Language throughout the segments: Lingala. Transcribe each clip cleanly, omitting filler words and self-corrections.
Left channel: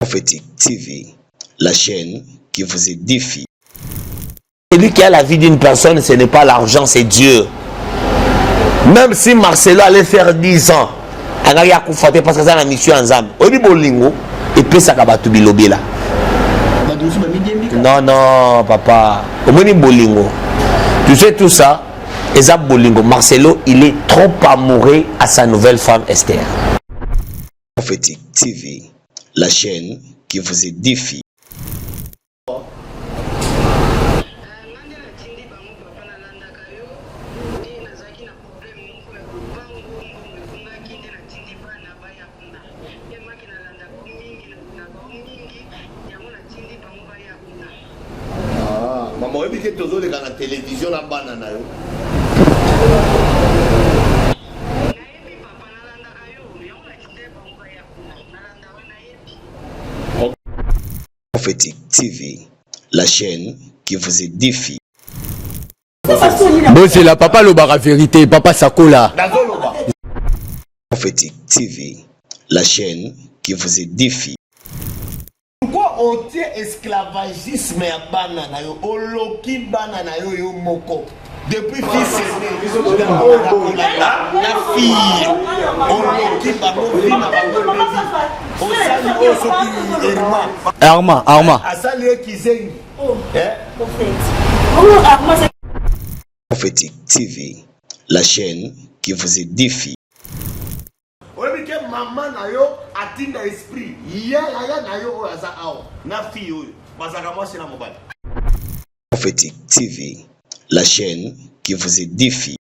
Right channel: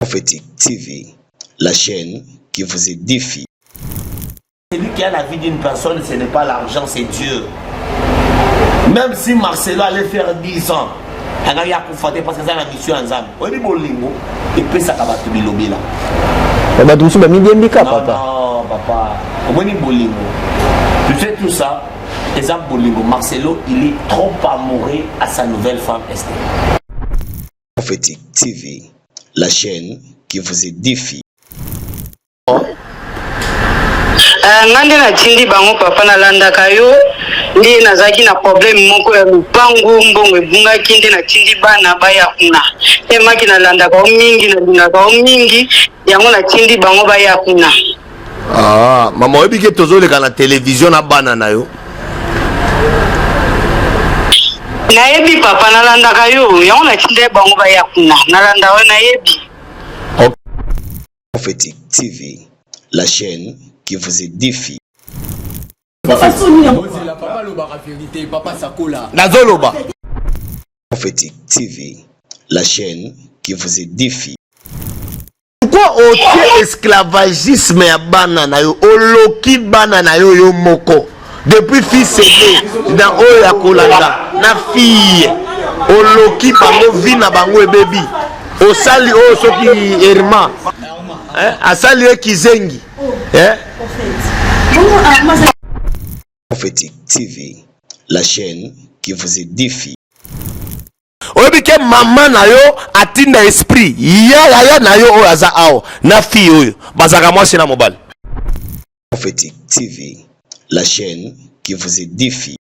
Prophétique TV, la chaîne qui vous édifie. Celui qui a la vie d'une personne, ce n'est pas l'argent, c'est Dieu. Même si Marcelo allait faire 10 ans, il a parce que c'est la mission en Zam. Il peut s'acabater bilobi là. Non, non, papa. Tu sais tout ça, Ezab Bolingo. Marcelo, il est trop amoureux à sa nouvelle femme Esther. Prophétique TV, la chaîne qui vous édifie. Ngande na tindi bango papa na landa kayo ndi nazaki na problème moko ya lupangu mbongo ebunga kinde na tindi bana baya kuna emaki na landa ka mingi na lunda ka mingi yango na tindi bango baya kuna. Ah, mama obi ke tozoleka na télévision na bana na yo. Na yebi papa na landa kayo yango na tindi bango baya kuna na landa wa na yebi. Prophétique TV, la chaîne qui vous édifie. Bon, c'est la papa loba la vérité, papa Sakola. Nazoloba. Prophétique TV, la chaîne qui vous édifie. Pourquoi au esclavagisme ya bana na yo, oloki bana na yo yo moko? Depuis fils aîné, na oya kolanda, na fille, oloki bango vi na bango baby. Au sali o soki Herma. Arma. Asali Kizengi. Prophétique TV, la chaîne qui vous édifie. Oyebi ke maman na yo atinda esprit ya na yo oyo aza awo na fille oyo bazaka mwasi na mobile. Prophétique TV, la chaîne qui vous édifie.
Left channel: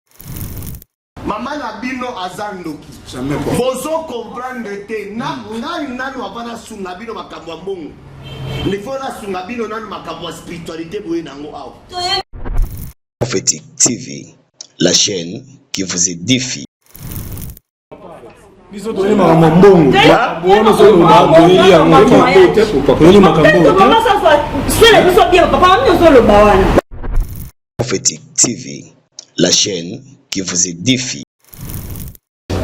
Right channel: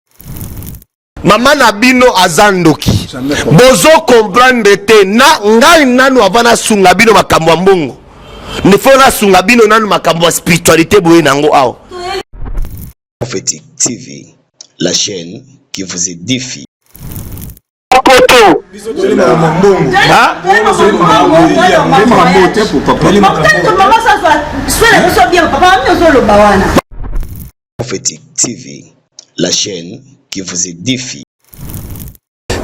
Maman na bino azandoki bozo comprendre te na ngai nanu avana sunga bino makambo ya mbongo ne faut na sunga bino nanu makambo ya spiritualité boye nango awo. Prophétique TV, la chaîne qui vous édifie. Prophétique TV, la chaîne qui vous édifie.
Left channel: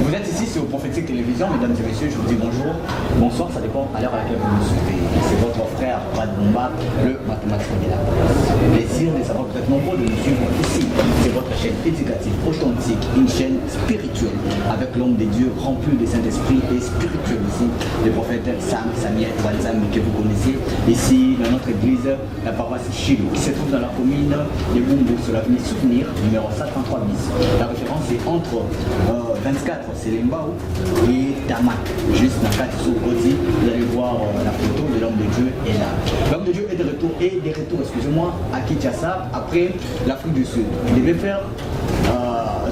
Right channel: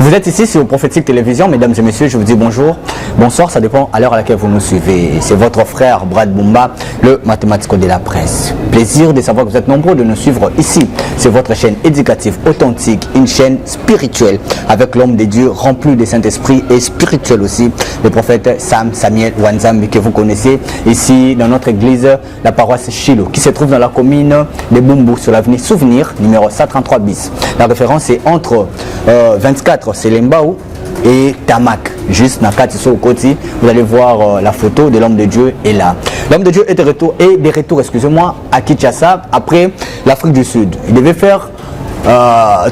Vous êtes ici sur Prophétique Télévision, mesdames et messieurs, je vous dis bonjour, bonsoir, ça dépend à l'heure à laquelle vous nous suivez. C'est votre frère Brad Bumba, le mathématico de la presse. Plaisir de savoir que vous êtes nombreux de nous suivre ici. C'est votre chaîne éducative authentique, une chaîne spirituelle avec l'homme de Dieu rempli de Saint-Esprit et spirituel aussi, le prophète Samuel Wanzambi que vous connaissez ici dans notre église, la paroisse Shiloh, qui se trouve dans la commune de Bumbu sur l'avenue Souvenir, numéro 133 bis. La référence est entre 24 c'est Lembao et Tamak, juste na Katiso Koti. Vous allez voir la photo de l'homme de Dieu est là. L'homme de Dieu est de retour, excusez-moi, à Kinshasa après l'Afrique du Sud. Il devait faire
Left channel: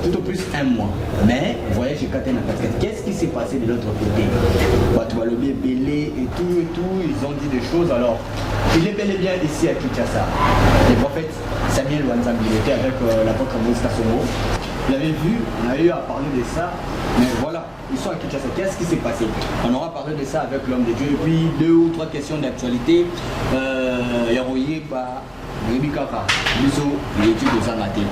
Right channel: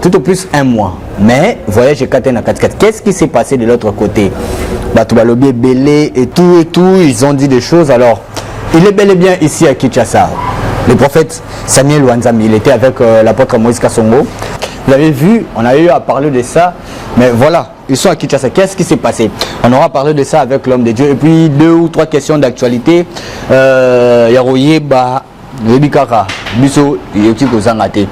tout au plus 1 mois. Mais voyage Katena 4. Qu'est-ce qui s'est passé de l'autre côté? Batoubalobé, Belé et tout, ils ont dit des choses. Alors, il est bel et bien ici à Kinshasa. Le prophète Samuel Wanzambi, il était avec l'apôtre Moïse Kassongo. Vous l'avez vu, on a eu à parler de ça. Mais voilà, ils sont à Kinshasa. Qu'est-ce qui s'est passé? On aura parlé de ça avec l'homme de Dieu. Et puis 2 ou 3 questions d'actualité. Yaroyeba, Rebikara, Biso, Yotiko Zangate.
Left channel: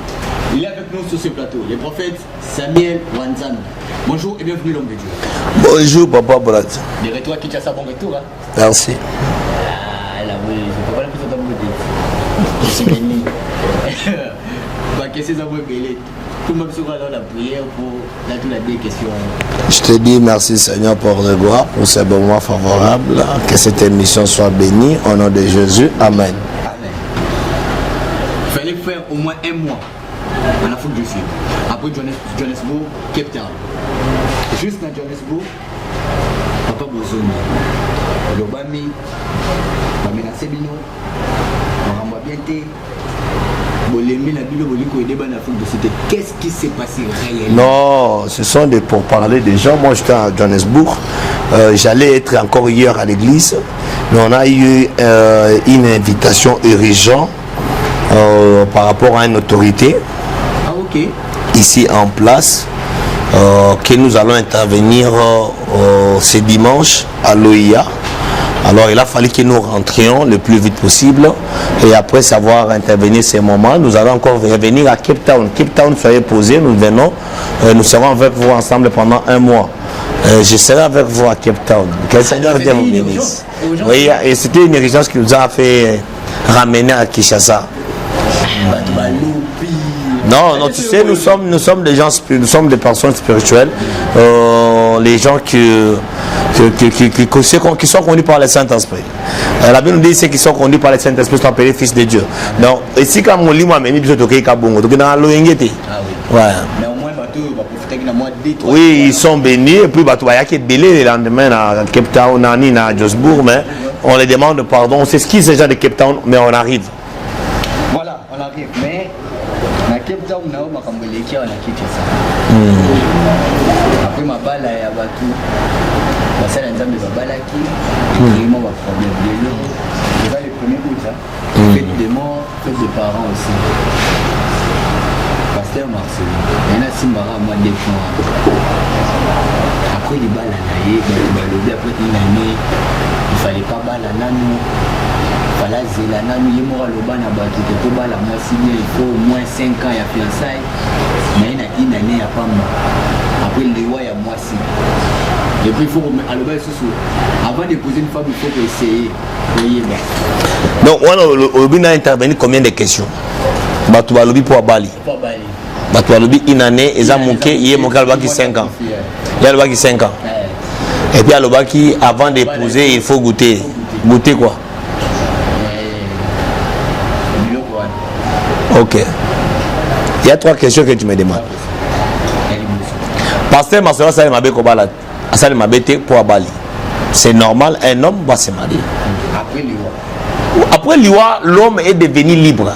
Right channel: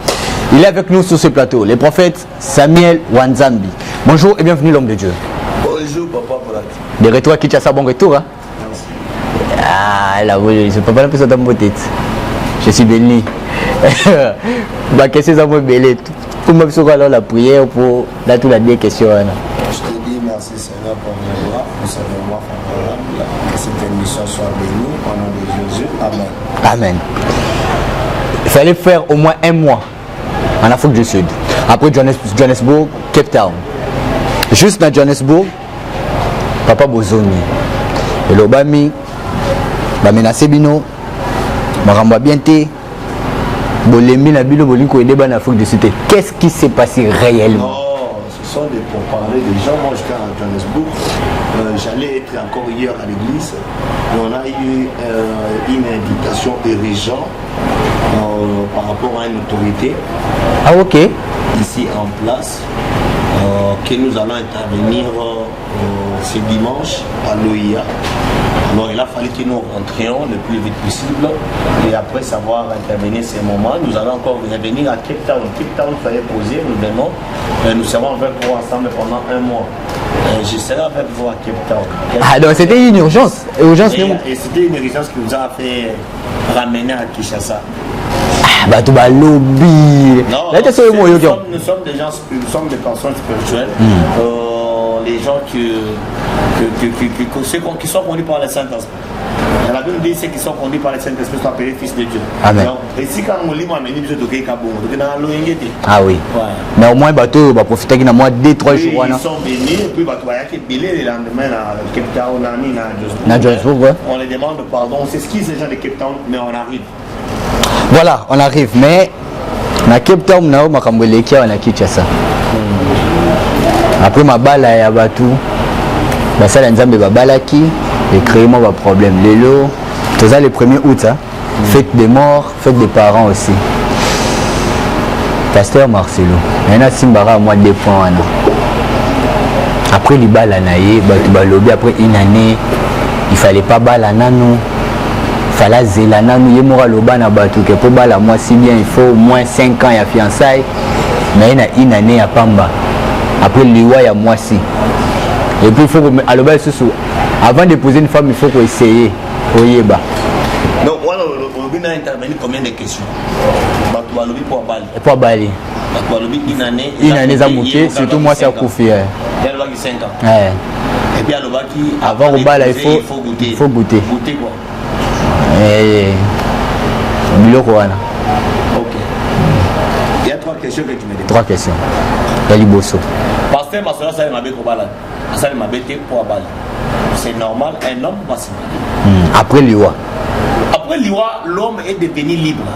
Il est avec nous sur ce plateau, le prophète Samuel Wanzambi. Bonjour et bienvenue l'homme de Dieu. Bonjour papa Brad. De retour à Kinshasa, bon retour. Hein? Merci. Ah là oui, je ne peux pas l'appeler ça dans mon tête. Je suis béni. Qu'est-ce que ça me belé? Comment alors la prière pour la toute la dernière question? Je te dis merci Seigneur pour le gloire, pour ce moment favorable. Que cette émission soit bénie au nom de Jésus. Amen. Amen. Il fallait faire au moins 1 mois en Afrique du Sud. Après Johannesburg, Cape Town. Juste dans Johannesburg, Papa Bozoni. Et l'Obami, Bamena Sebino, Maramba Bienté. Qu'est-ce qui s'est passé réellement? Non, ce sont des pourparlers des gens. Moi j'étais à Johannesburg, j'allais être encore hier à l'église, mais on a eu une invitation urgente par rapport à une autorité ici en place, que nous allons intervenir ce dimanche à l'OIA. Alors il a fallu que nous rentrions le plus vite possible et après savoir intervenir ces moments, nous allons encore revenir à Cape Town. Cape Town serait posé, nous venons, nous serons avec vous ensemble pendant 1 mois. Je serai avec vous à Cape Town. Ah, donc c'était une urgence. Oui, et c'était une urgence qui nous a fait ramener à Kinshasa. Ah, bah, tout va lobby. Non, nous sommes des gens, nous sommes des personnes spirituelles. Les gens qui sont conduits par le Saint-Esprit. La Bible nous dit ceux qui sont conduits par le Saint-Esprit sont appelés fils de Dieu. Amen. Donc, ici, quand on lit, moi, même, je suis ah oui. Ouais. Mais au moins, bateau va profiter qu'il y a moins 2-3 jours. Oui, ils sont bénis. Et puis, bateau, il y a qui belé le lendemain à Cape Town, à Johannesburg. On les demande pardon. On s'excuse déjà de Cape Town, mais on arrive. Voilà, on arrive. Mais, à Cape Town, on a Kinshasa. Après, ma balle à bateau. Ça, les gens va balaki et créer moi un problème. C'est ça le 1er août, hein? Fête des morts, fête des parents aussi. Pasteur Marcelo, il y a Simbara à moi 2 points. Après les balles à naïe, après une année, il fallait pas balle à nano. Il fallait zéla nano, il y a mora loba na batu que pour balle à moi si bien il faut au moins 5 ans il y a fiançailles. Mais il y a une année à Pamba. Après l'Iwa il y a moi si. Et puis il faut que avant de poser une femme, il faut qu'on essaye. Donc on a intervenu combien de questions? Tu vas lobby pour Bali. Pour Bali. Tu vas lobby une année et ça il y a 5 ans. Il y a le qui 5 ans. Et puis le qui avant de poser il faut goûter. Il faut goûter. Goûter quoi? Ok. Il y a 3 questions que tu me demandes. 3 questions. Il y a Liboso. Pasteur Marcelo ça m'a balade. Ça m'a bêté pour Bali. C'est normal, un homme va se marier. Après l'Iwa. Après l'Iwa, l'homme est devenu libre.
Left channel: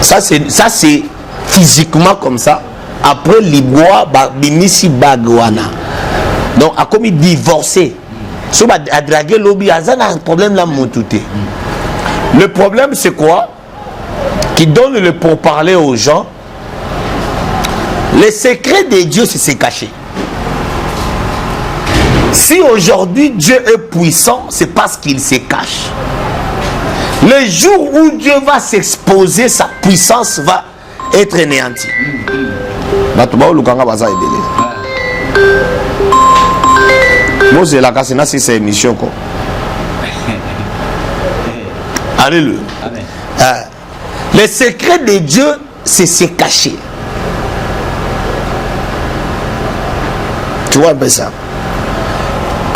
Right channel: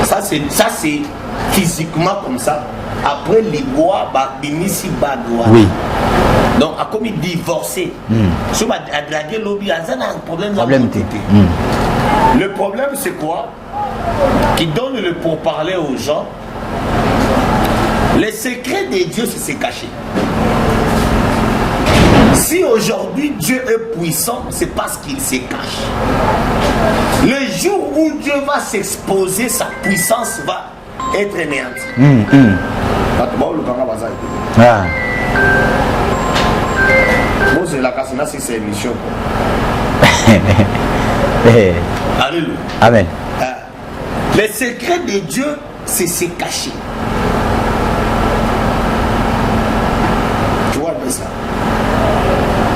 Ça c'est physiquement comme ça. Après l'Iwa, binisi bagwana. Donc à comme il divorcé. Si on a dragué l'obi, il y a un problème là monté. Le problème c'est quoi? Qui donne le pourparler aux gens. Le secret de Dieu c'est se cacher. Si aujourd'hui Dieu est puissant, c'est parce qu'il se cache. Le jour où Dieu va s'exposer, sa puissance va être anéantie. Moi, c'est la casse, c'est cette émission. Alléluia. Amen. Le secret de Dieu, c'est se cacher. Tu vois un peu ça?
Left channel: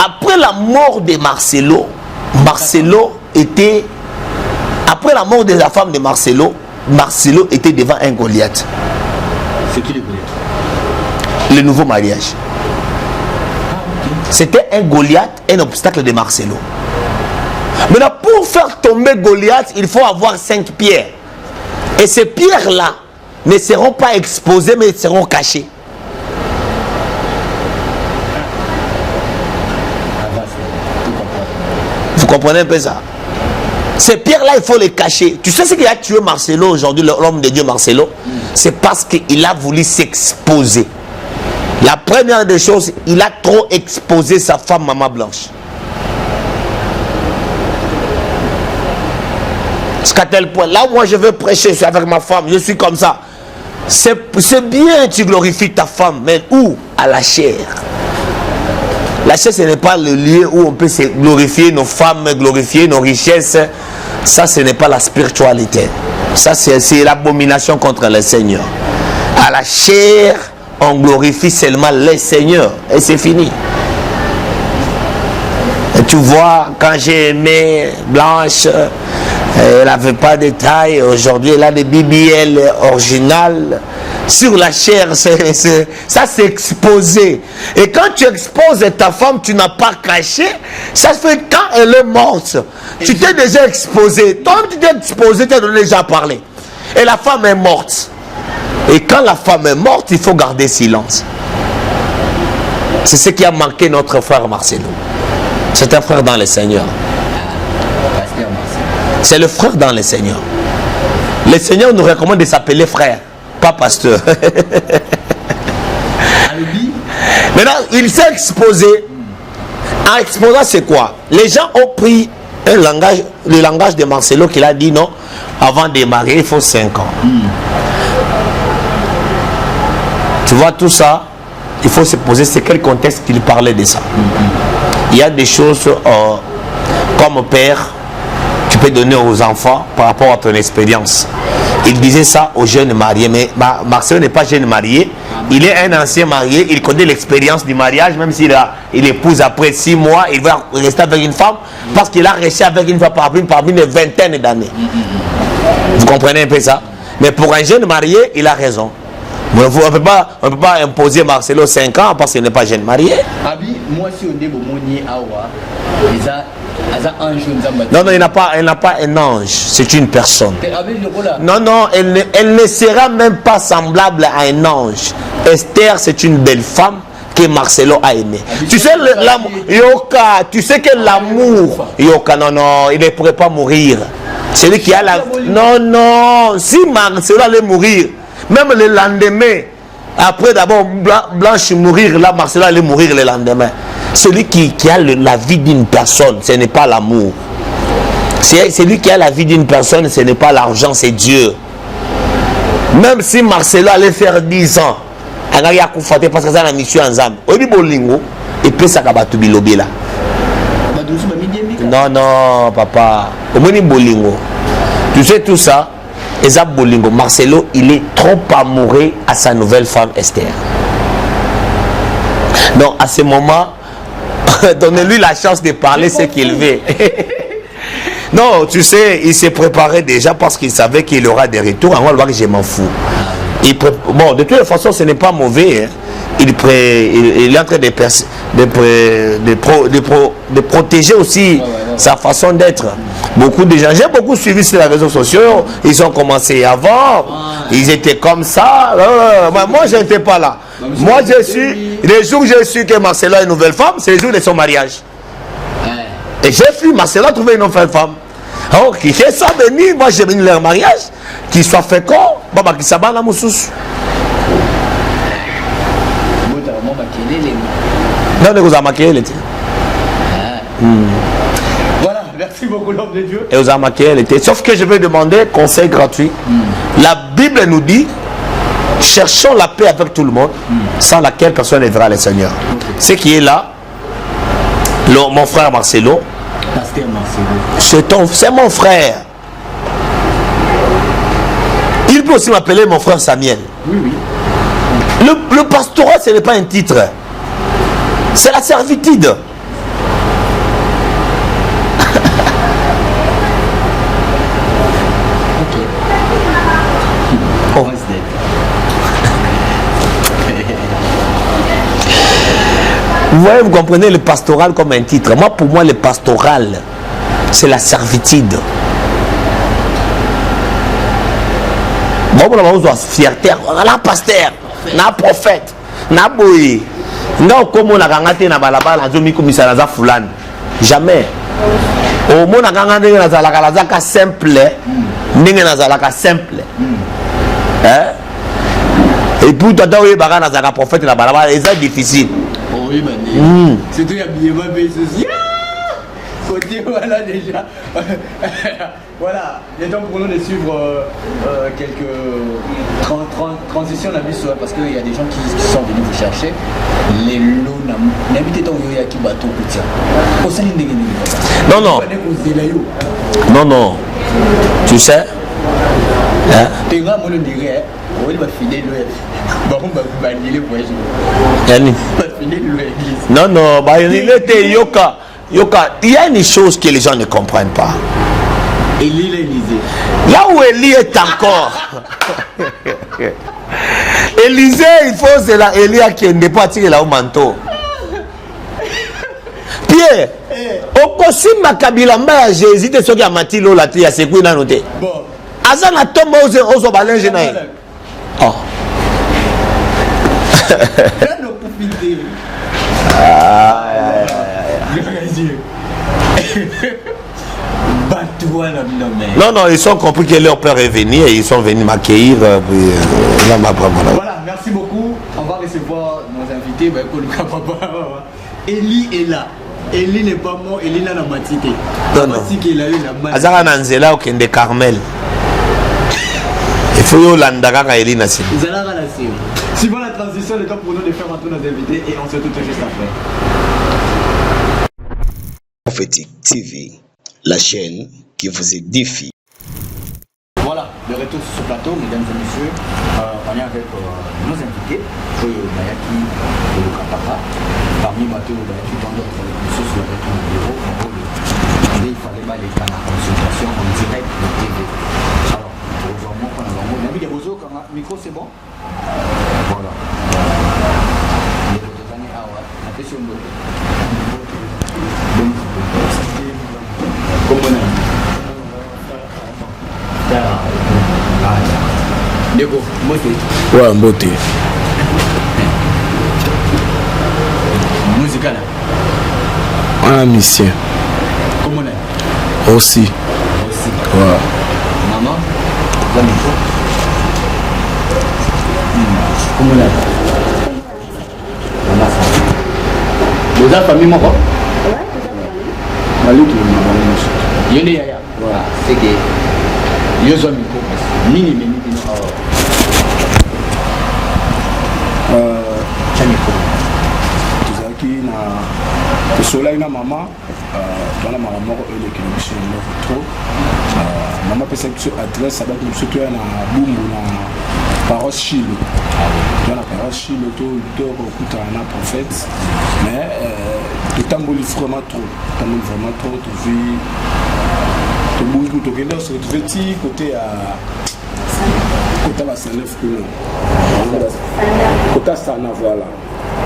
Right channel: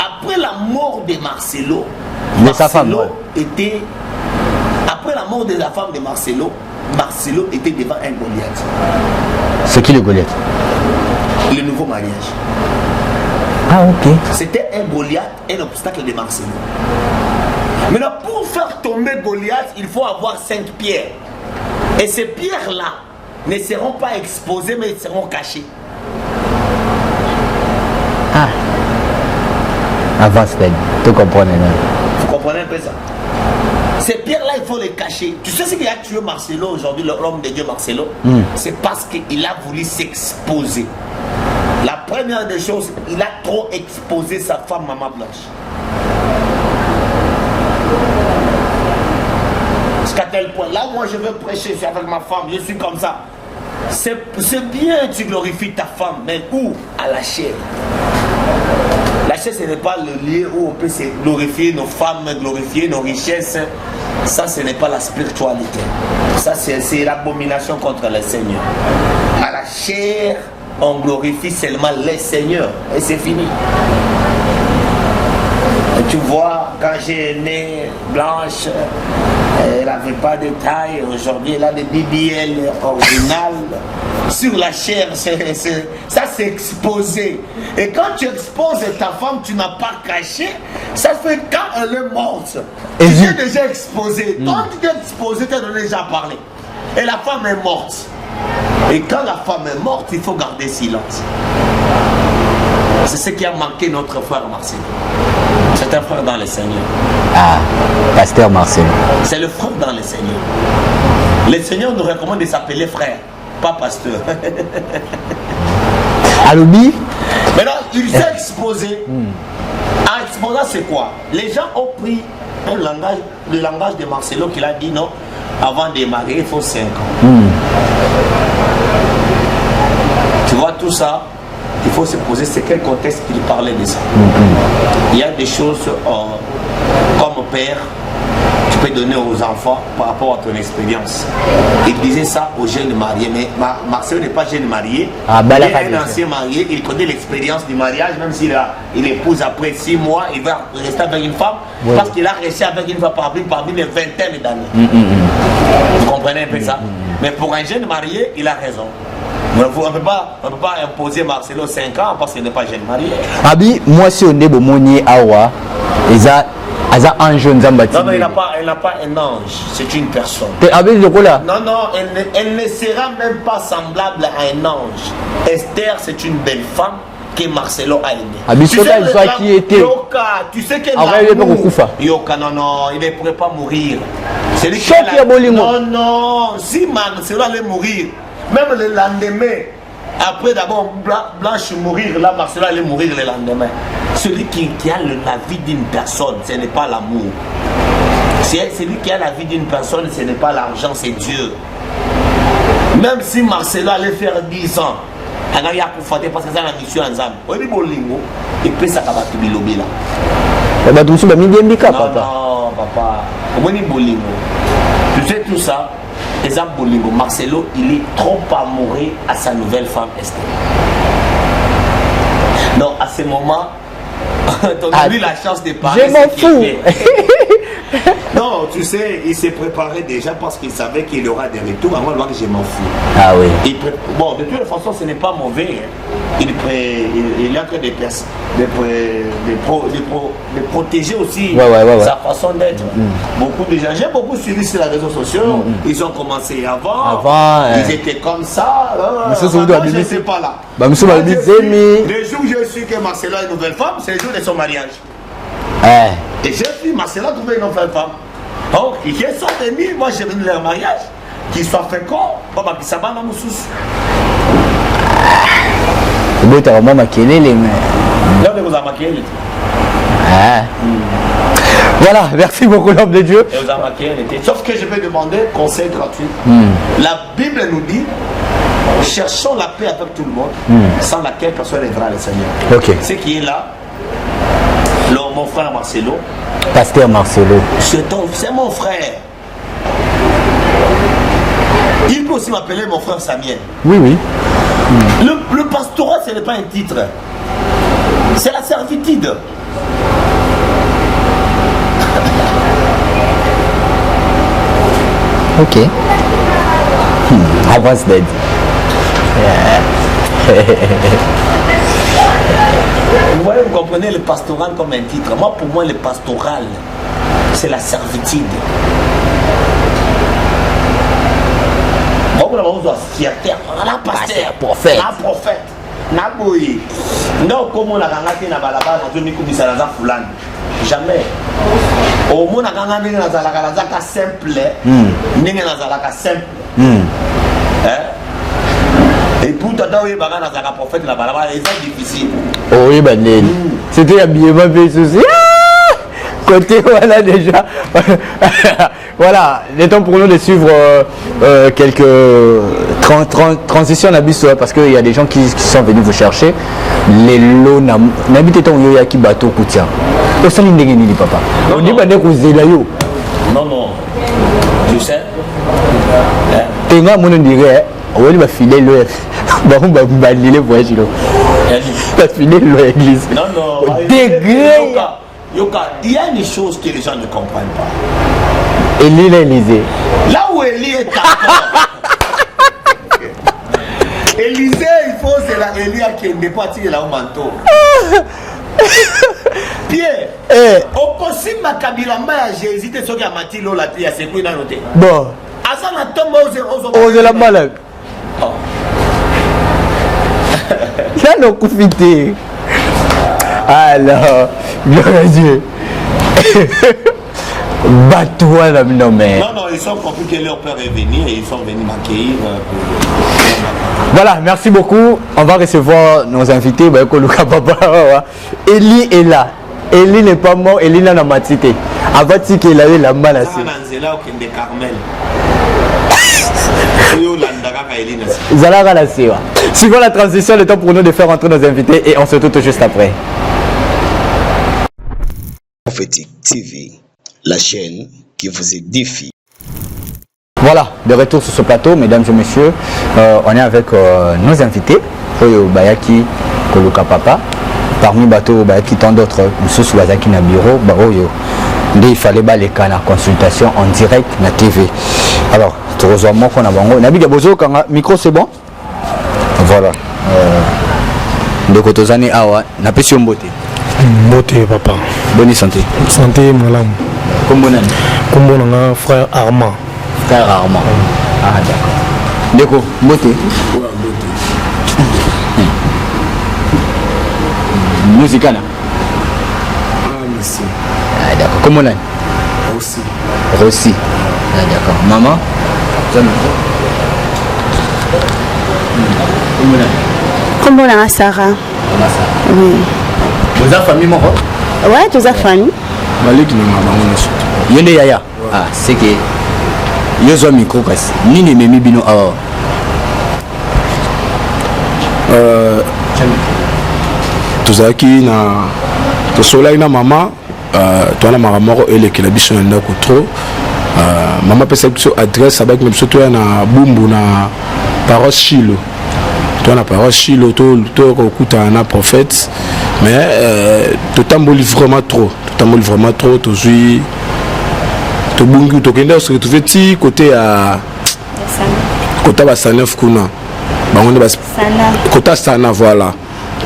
Après la mort de Marcelo était... Après la mort de la femme de Marcelo était devant un Goliath. C'est qui le Goliath? Le nouveau mariage. Ah ok. C'était un Goliath, un obstacle de Marcelo. Maintenant, pour faire tomber Goliath, il faut avoir 5 pierres. Et ces pierres-là ne seront pas exposées, mais seront cachées. Avant, tu comprends. Vous comprenez un peu ça? Ces pierres-là, il faut les cacher. Tu sais ce qui a tué Marcelo aujourd'hui, l'homme de Dieu Marcelo? C'est parce qu'il a voulu s'exposer. La première des choses, il a trop exposé sa femme Maman Blanche. Jusqu'à tel point, là moi je veux prêcher, je suis avec ma femme, je suis comme ça. C'est bien, tu glorifies ta femme, mais où? À la chair. La chair, ce n'est pas le lieu où on peut se glorifier nos femmes, glorifier nos richesses. Ça, ce n'est pas la spiritualité. Ça, c'est l'abomination contre le Seigneur. À la chair, on glorifie seulement le Seigneur. Et c'est fini. Et tu vois, quand j'ai aimé Blanche, elle n'avait pas de taille. Aujourd'hui, elle a des BBL originales. Sur la chair, ça c'est exposé. Et quand tu exposes ta femme, tu n'as pas caché. Ça fait quand elle est morte. Tu t'es déjà exposé. Quand tu t'es exposé, tu as déjà parlé. Et la femme est morte. Et quand la femme est morte, il faut garder silence. C'est ce qui a manqué notre frère Marcelo. C'est un frère dans le Seigneur. Ah, pasteur Marcelo. C'est le frère dans le Seigneur. Le Seigneur nous recommande de s'appeler frère. Pas pasteur. Alumi. Maintenant, il s'est exposé. En exposant, c'est quoi? Les gens ont pris un langage, le langage de Marcelo qu'il a dit non, avant de marier, il faut 5 ans. Tu vois tout ça? il faut se poser c'est quel contexte qu'il parlait de ça. Il y a des choses comme père, tu peux donner aux enfants par rapport à ton expérience. Il disait ça aux jeunes mariés, mais Marcelo n'est pas jeune marié, il est un ancien marié, il connaît l'expérience du mariage, même s'il il épouse après 6 mois, il va rester avec une femme, parce qu'il a resté avec une femme parmi une vingtaine d'années. Vous comprenez un peu ça? Mais pour un jeune marié, il a raison. On ne peut pas imposer Marcelo 5 ans parce qu'il n'est pas jeune marié. Abi, moi si on est bomonier awa, un jeune zambati. Non, non, elle n'a pas un ange, c'est une personne. Non, non, elle ne sera même pas semblable à un ange. Esther, c'est une belle femme que Marcelo a aimée. Tu sais, Yoka, tu sais que l'amour. Yoka, non, non, il ne pourrait pas mourir. C'est lui qui a la. Non, non, si Marcelo allait mourir, même le lendemain, après d'abord Blanche mourir, là, Marcelo allait mourir le lendemain. Celui qui a la vie d'une personne, ce n'est pas l'amour. Celui qui a la vie d'une personne, ce n'est pas l'argent, c'est Dieu. Même si Marcelo allait faire 10 ans, parce que c'est la mission ensemble. Il peut s'acabater de l'obé là. Non, non, papa. Tu sais tout ça. Marcelo, il est trop amoureux à sa nouvelle femme Esther. Donc à ce moment, donnez-lui la chance de parler ce qu'il veut. Non, tu sais, il s'est préparé déjà parce qu'il savait qu'il aura des retours. On va voir que je m'en fous. Ah oui. Bon, de toute façon, ce n'est pas mauvais. Hein. Il est en train de protéger aussi sa façon d'être. Beaucoup de gens, j'ai beaucoup suivi sur les réseaux sociaux. Ils ont commencé avant ils étaient comme ça. Moi, je n'étais pas là. Moi, les jours où j'ai su que Marcelo a une nouvelle femme, c'est le jour de son mariage. Et j'ai vu Marcelo trouver une nouvelle femme. Alors, qui fait ça venir, moi j'ai venu leur mariage, qu'ils soient féconds, Baba qui s'abat la moussous. Voilà, merci beaucoup l'homme de Dieu. Et aux amaqués, sauf que je vais demander conseil gratuit. La Bible nous dit, cherchons la paix avec tout le monde, sans laquelle personne ne verra le Seigneur. Ce qui est là, mon frère Marcelo, Pasteur Marcelo, c'est mon frère. Il peut aussi m'appeler mon frère Samuel. Oui, oui. Le pastorat, ce n'est pas un titre. C'est la servitude. Ok. On va se dire. Vous comprenez le pastoral comme un titre. Moi, pour moi, le pastoral, c'est la servitude. Bon, on doit fierté. La pasteur, prophète. La prophète. Na boy. Non, comme on a gagné na balabala, na zomi komisa na za fulani. Jamais. Au moins, on a gagné na za la simple. Ninge na za la simple. Et pour toi, oui, bagana na za prophète na balabala, c'est difficile. Oh oui, c'était habillement bien souci. Côté, voilà déjà. Voilà, il est temps pour nous de suivre quelques transitions d'abus parce qu'il y a des gens qui sont venus vous chercher. Les lots n'habitez ton yoya qui bateau koutia. Papa. Non, non. Non. Tu sais? Et moi, on dirait, on va filer le. On va balayer les voyages. On va filer l'église. Non, Yoka, il y a une chose que les gens ne comprennent pas. Élie l'Élysée. Là où Élie est encore. Élysée, il faut c'est la Élie qui n'est pas tiré là au manteau. Pierre, au possible Makabila Mba, j'ai hésité sur qui a mati l'eau la tia, c'est quoi il a noté. Bon. Azana Thomas aux balles. Oh. Là, nous confité. Alors, le Dieu. Bat-toi là, non mais. Non, ils ont compris que leur père est venu et ils sont venus m'accueillir. Voilà, merci beaucoup. On va recevoir nos invités. Élie est là. Élie n'est pas mort, Élie n'a pas matité. Abati qu'il a eu la malle. Zara Nanzela ou Kende Carmel. Fuyo Landaka Élie Nassi. Zara la Sewa. Suivant la transition, le temps pour nous de faire entrer nos invités et on se retrouve tout juste après. Prophétique TV, la chaîne qui vous édifie. Voilà, de retour sur ce plateau, mesdames et messieurs, on est avec nos invités, Oyo Bayaki, Koluka Papa, parmi Bato Bayaki, tant d'autres, M. Soubazaki Nabiro, Oyo. Il fallait les cas la consultation en direct na TV. Alors, tu reçois mon qu'on a bango. Nabi Gabozo, quand micro c'est bon. Voilà. De Kotozani Awa, n'a pas si on beauté. Beauté papa. Bonne santé. Santé malam. Combonan. Combonan frère Armand. Frère Armand. Ah d'accord. Déco, beauté. Ouais, beauté. Musicana. Un mission. Ah d'accord. Comment on a? Aussi. Rossi. Ouais. Ah d'accord. Maman? Comment on a Sarah? Deux familles, mon roi? Ouais, deux familles. Malik ni maman monsieur. Yende Yaya. Ah, c'est que. Yo zo micro presse. Nini memi bino awa. Tozaki na tosolai na mama toana makamoko elekela biso na ndako trop mama pesa biso adresse abaki biso toya na bumbu na paroisse Chilo toana paroisse Chilo to kokutana na prophète mais totamboli vraiment trop tozwi tobungi tokende se retrouver ti côté à côté basanef kuna bango bas côté sana voilà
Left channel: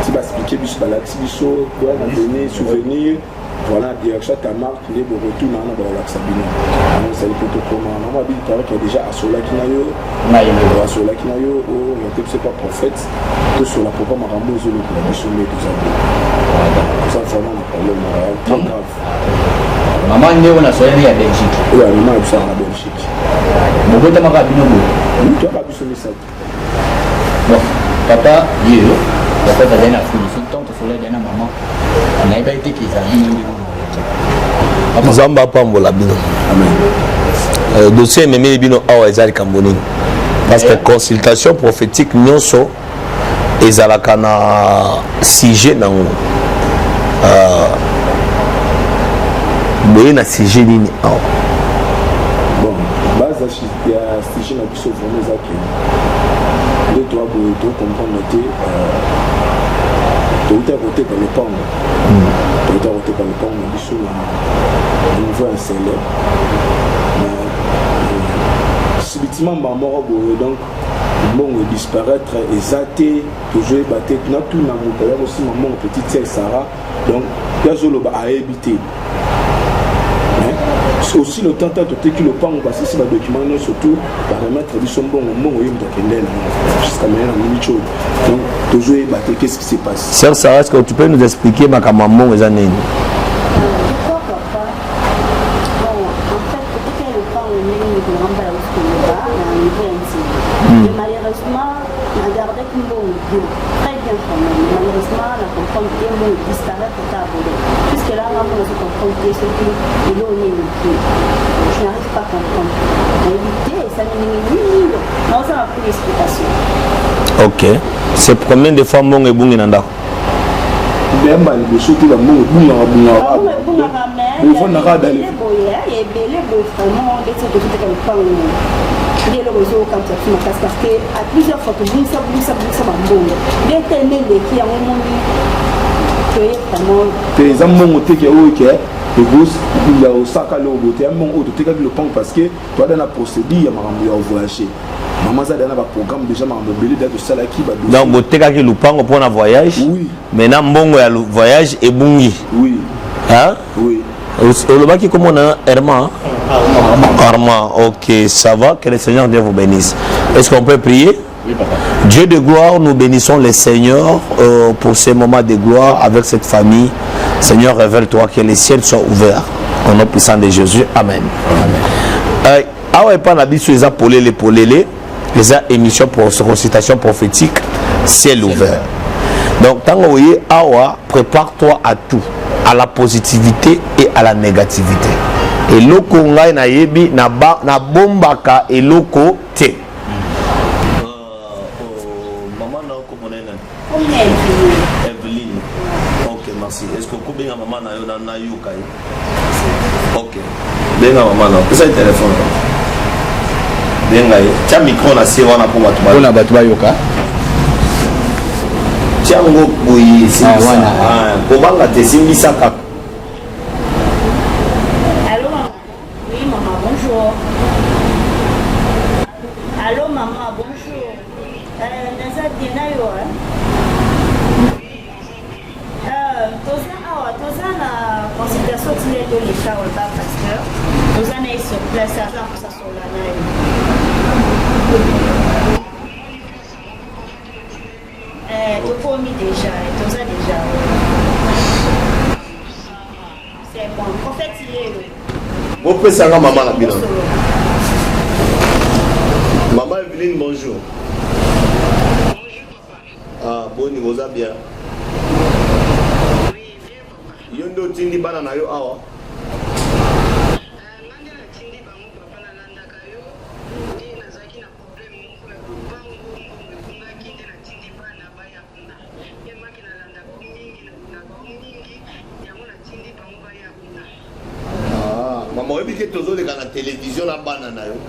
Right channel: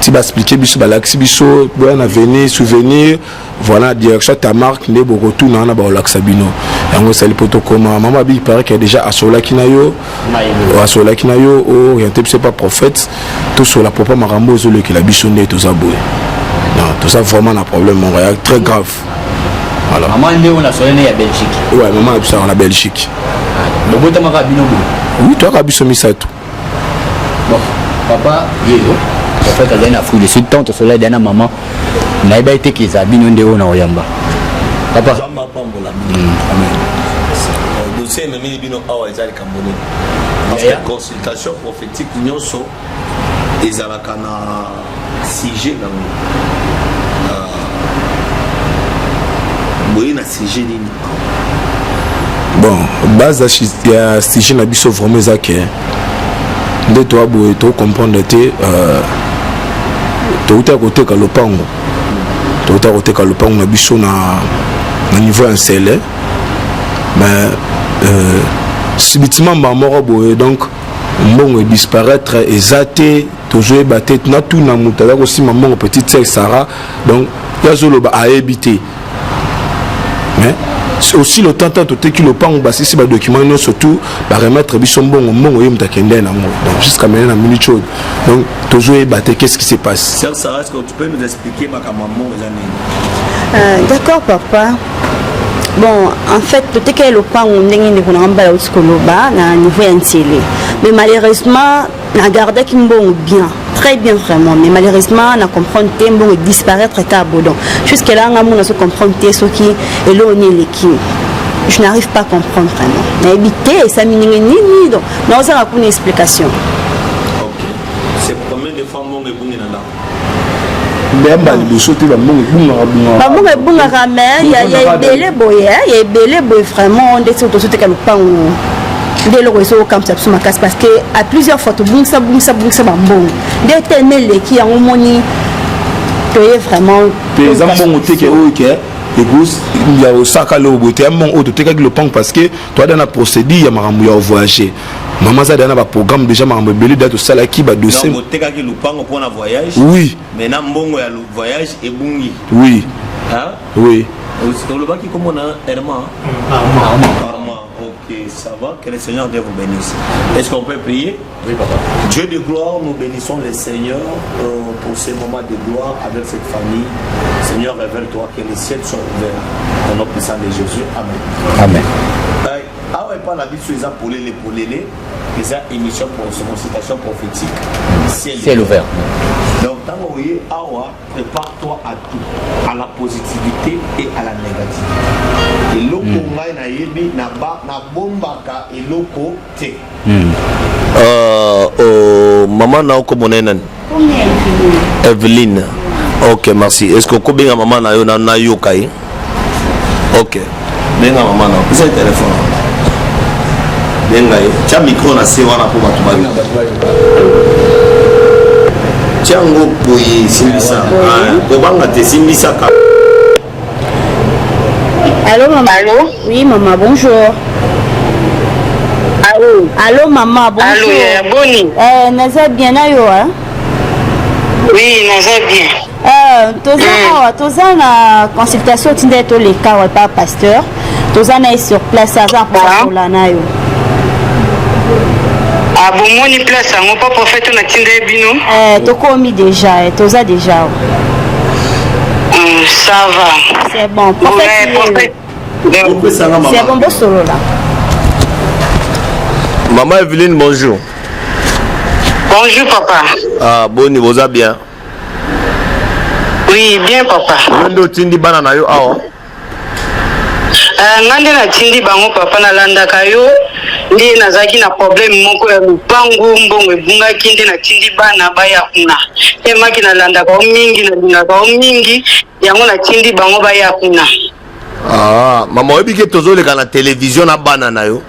tu vas expliquer biso balaxi biso boya na venir souvenir voilà direction ta marque ne beaucoup tout na ba olaxabino yango sali poto koma maman bi paraît qu'il y a déjà asola kinayo orienté c'est pas prophète tout sur la propre marambo zo le ki la biso ndé tout ça boy tout ça vraiment un problème Montréal très grave. Voilà. Maman est on a soigné à Belgique. Ouais, maman a ça en Belgique. Bon, tu m'as dit oui, toi tu as biso misato. Bon, papa, oui. En fait, on a la fouille de suite tant au soleil d'un maman. On a été qui a bien de haut dans Oyamba. Papa Zamba Pambola bino. Amen. Dossier même bino awa ezali kamboni. Parce que consultation prophétique nyonso ezalaka na sujet nango. Boye na sujet nini awa. Bon, base ya sujet na biso vraiment ezake. Nde to boye to comprendre te to uta côté ka lopango. To uta côté ka lopango na biso na niveau installé. Mais subitement maman boye donc mbongo disparaître ezate toujours batté na tout na mutala aussi maman petite sœur Sarah donc yazolo ba a habité. Mais c'est aussi le temps que le pan basi si ba document surtout ba remettre biso mbongo yemta kende na jusqu'à maintenant na minute chaude donc toujours batté qu'est-ce qui se passe. Sœur Sarah, est-ce que tu peux nous expliquer ma maman les années? D'accord papa. Bon, en fait, peut-être que le point où on est na niveau entier. Mais malheureusement, la garde qui me bien, très bien vraiment. Mais malheureusement, on a compris que bon disparaître à Bodon. Jusque là, on a compris que ce qui est l'équipe. Je n'arrive pas à comprendre vraiment. Mais éviter, ça ni donc. Non, ça n'a aucune explication. Ok. C'est combien de fois mon et bon nanda? Il y a belé boy vraiment on décide de sauter comme pas dès le réseau comme ça sur ma casse parce que à plusieurs fois tout bon ça bon dès tellement les qui ont moni vraiment les amants qui et vous il y a au sac à l'eau beauté mon auto te le pang parce que toi dans la procédure ya maramou ya voyager maman ça dans un programme déjà maramou belé date sala qui ba dossier non beauté ka le pang pour un voyage oui maintenant mbongo ya voyage et bungi oui hein oui le baki comme on a Armand ok ça va que le Seigneur Dieu vous bénisse. Est-ce qu'on peut prier? Oui, papa. Dieu de gloire, nous bénissons le Seigneur pour ces moments de gloire avec cette famille. Seigneur, révèle-toi que les ciels soient ouverts au nom puissant de Jésus. Amen. Amen. Awa pas la biso les polélé les émissions pour récitation prophétique ciel ouvert. Donc tant que awa prépare-toi à tout, à la positivité et à la négativité. Et loko ngai na yebi na bombaka et loko te. Maman na oko monene. Evelyne. Ok, merci. Est-ce que bien maman na yo na yokai? Ok. Bien maman na. Pesa téléphone. Bien gaï. Tiens micro na c'est wana pour batuma. On a batuma yoka. Tiens ngo boy simbisa. Kobanga te simbisa ka. Allô, maman. Allô? Oui, maman, bonjour. Allô? Allô, maman, bonjour. Allô, Boni? Naza bien, ayo, hein? Oui, naza bien. Toza na consultation tinda to le cas wa pas pasteur. Toza na sur place à pour la na yo. Ah bon, moni place on pas prophète na tinda bino? To komi déjà, toza déjà. Ça va. C'est bon. Prophète. C'est bon, bon solo là. Maman Evelyne, bonjour. Bonjour papa. Ah, bon, vous allez bien? Oui, bien papa. Ndo tindi bana na yo awa. Ngande na tindi bango papa na landa kayo. Ndi nazaki na problème moko ya lupangu mbongo ebunga kinde na tindi bana baya kuna. Temaki na landa ka mingi na linga ka mingi yango na tindi bango baya kuna. Ah, maman oyebi ke tozoleka na télévision na bana na yo.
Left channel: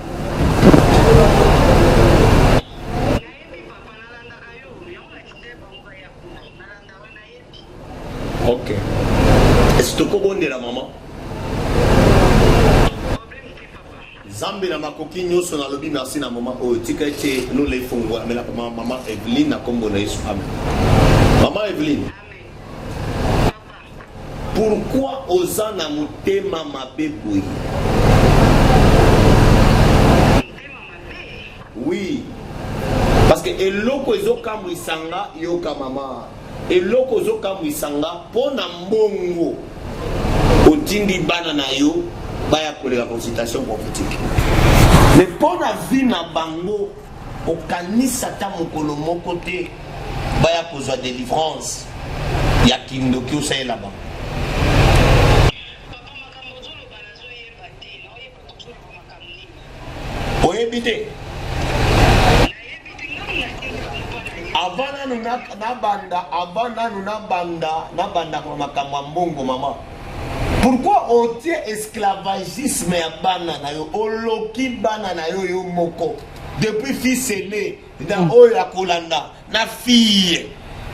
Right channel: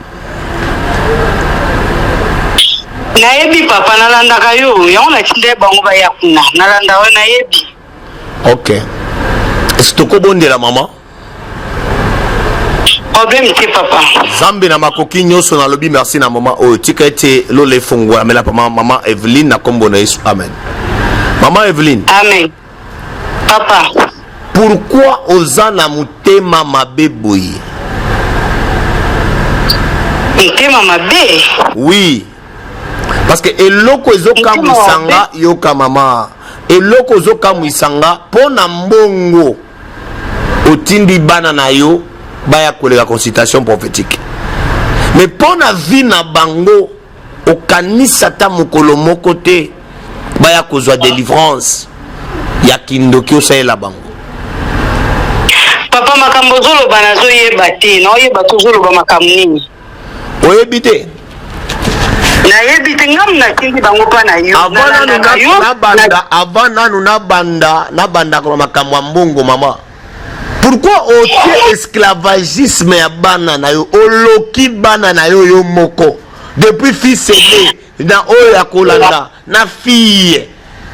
Nayebi papa na landa kayo yango na tindi bango baya kuna. Na landa we nayebi. Ok. Est-ce que tu bonde la maman? Problème c'est papa. Zambi na makoki nyoso na lobi merci na maman. Oh, tika ete lo le fungwa mais la maman Evelyne na kombo na Yesu. Amen. Maman Evelyne. Amen. Papa. Pourquoi oza na mutema mabe boyi? Mutema mabe? Oui. Parce que eloko ezoka musanga yoka mama. Eloko ozoka mwisanga pona mbongo otindi bana na yo baya kolega consultation prophétique. Mais pona vie na bango okanisa ta mokolo moko te baya kozwa délivrance ya kindoki osalela bango. Papa makambo zoloba nazo yeba te na oyeba to zoloba makambo nini? Oyebi te? Nayebi te ngam na tindi bango pa na yo. Avant nanu na banda kwa makambo ya mbongo mama. Pourquoi otie esclavagisme ya bana na yo oloki bana na yo yo moko depuis fils aîné na oyo ya kolanda na fille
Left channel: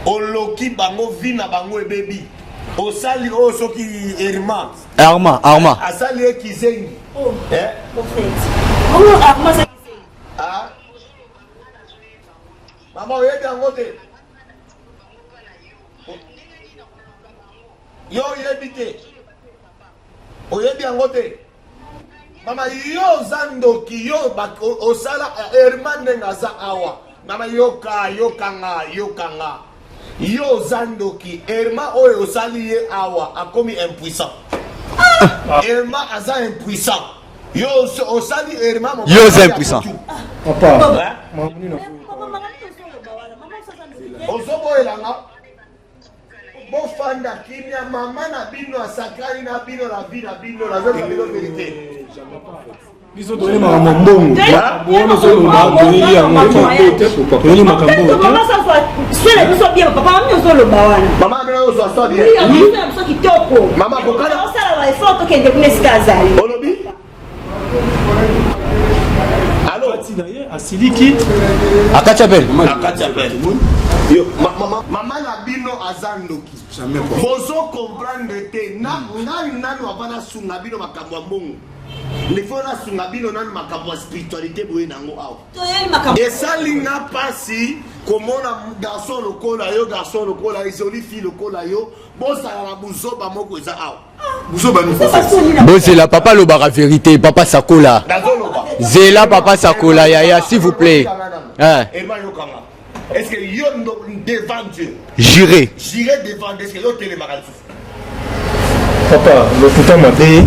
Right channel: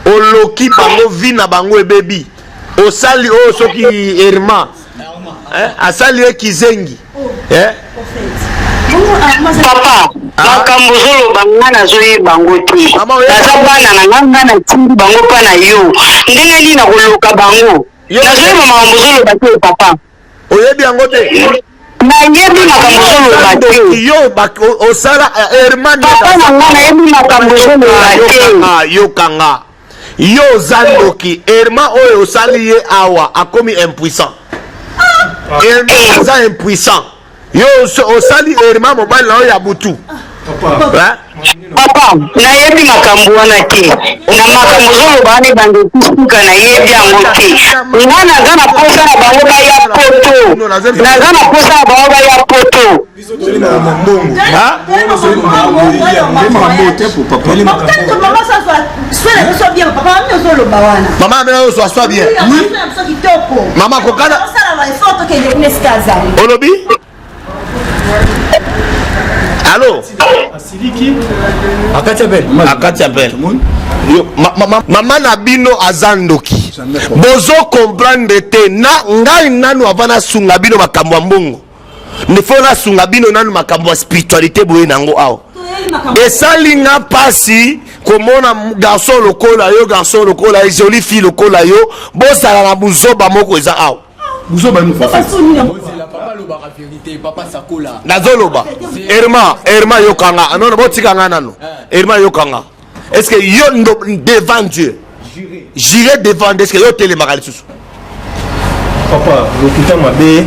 oloki bango vi na bango ebebi osali oyo soki Arma asali ekizengi Papa, makambo zoloba nga nazoyeba bango te. Naza bana na nga na tindi bango pa na yo. Ndenge nini na koloka bango? Nazoyeba makambo zoloba te papa. Oyebi yango te? Nayebi makambo zoloba te. Yo osala Herman papa na nga nayebi makambo zoloba te. Yokanga. Yo zandoki Herman oyo osali ye awa akomi impuissant. Herman oza impuissant. Yo osali Herman mobala ya butu. Papa, nayebi makambo wana te. Na makambo zoloba ne bango kusuka nayebi yango te. Nga naza na posa na bango baya poto. Naza na posa na bango baya poto. Maman mena oso aswa bien. Maman kokana. Olobi? Allô? Akati abel. Maman Nabino azandoki. Bozo comprendre te na ngai nanu avana sunga bino makambo mbongo. Ne fona sunga bino nanu makambo spiritualité boye nango awo. Esalinga pasi komona garçon lokola yo garçon lokola jolie fille lokola yo bosala na buzoba moko eza awo. Bon, c'est la papa le bara vérité, papa Sakola. Nazoloba. Herma Yokanga. Herma Yokanga. Est-ce que yo devant Dieu, j'irai devant Dieu, est-ce que yo télémagal sous? Papa, le putain m'a bé.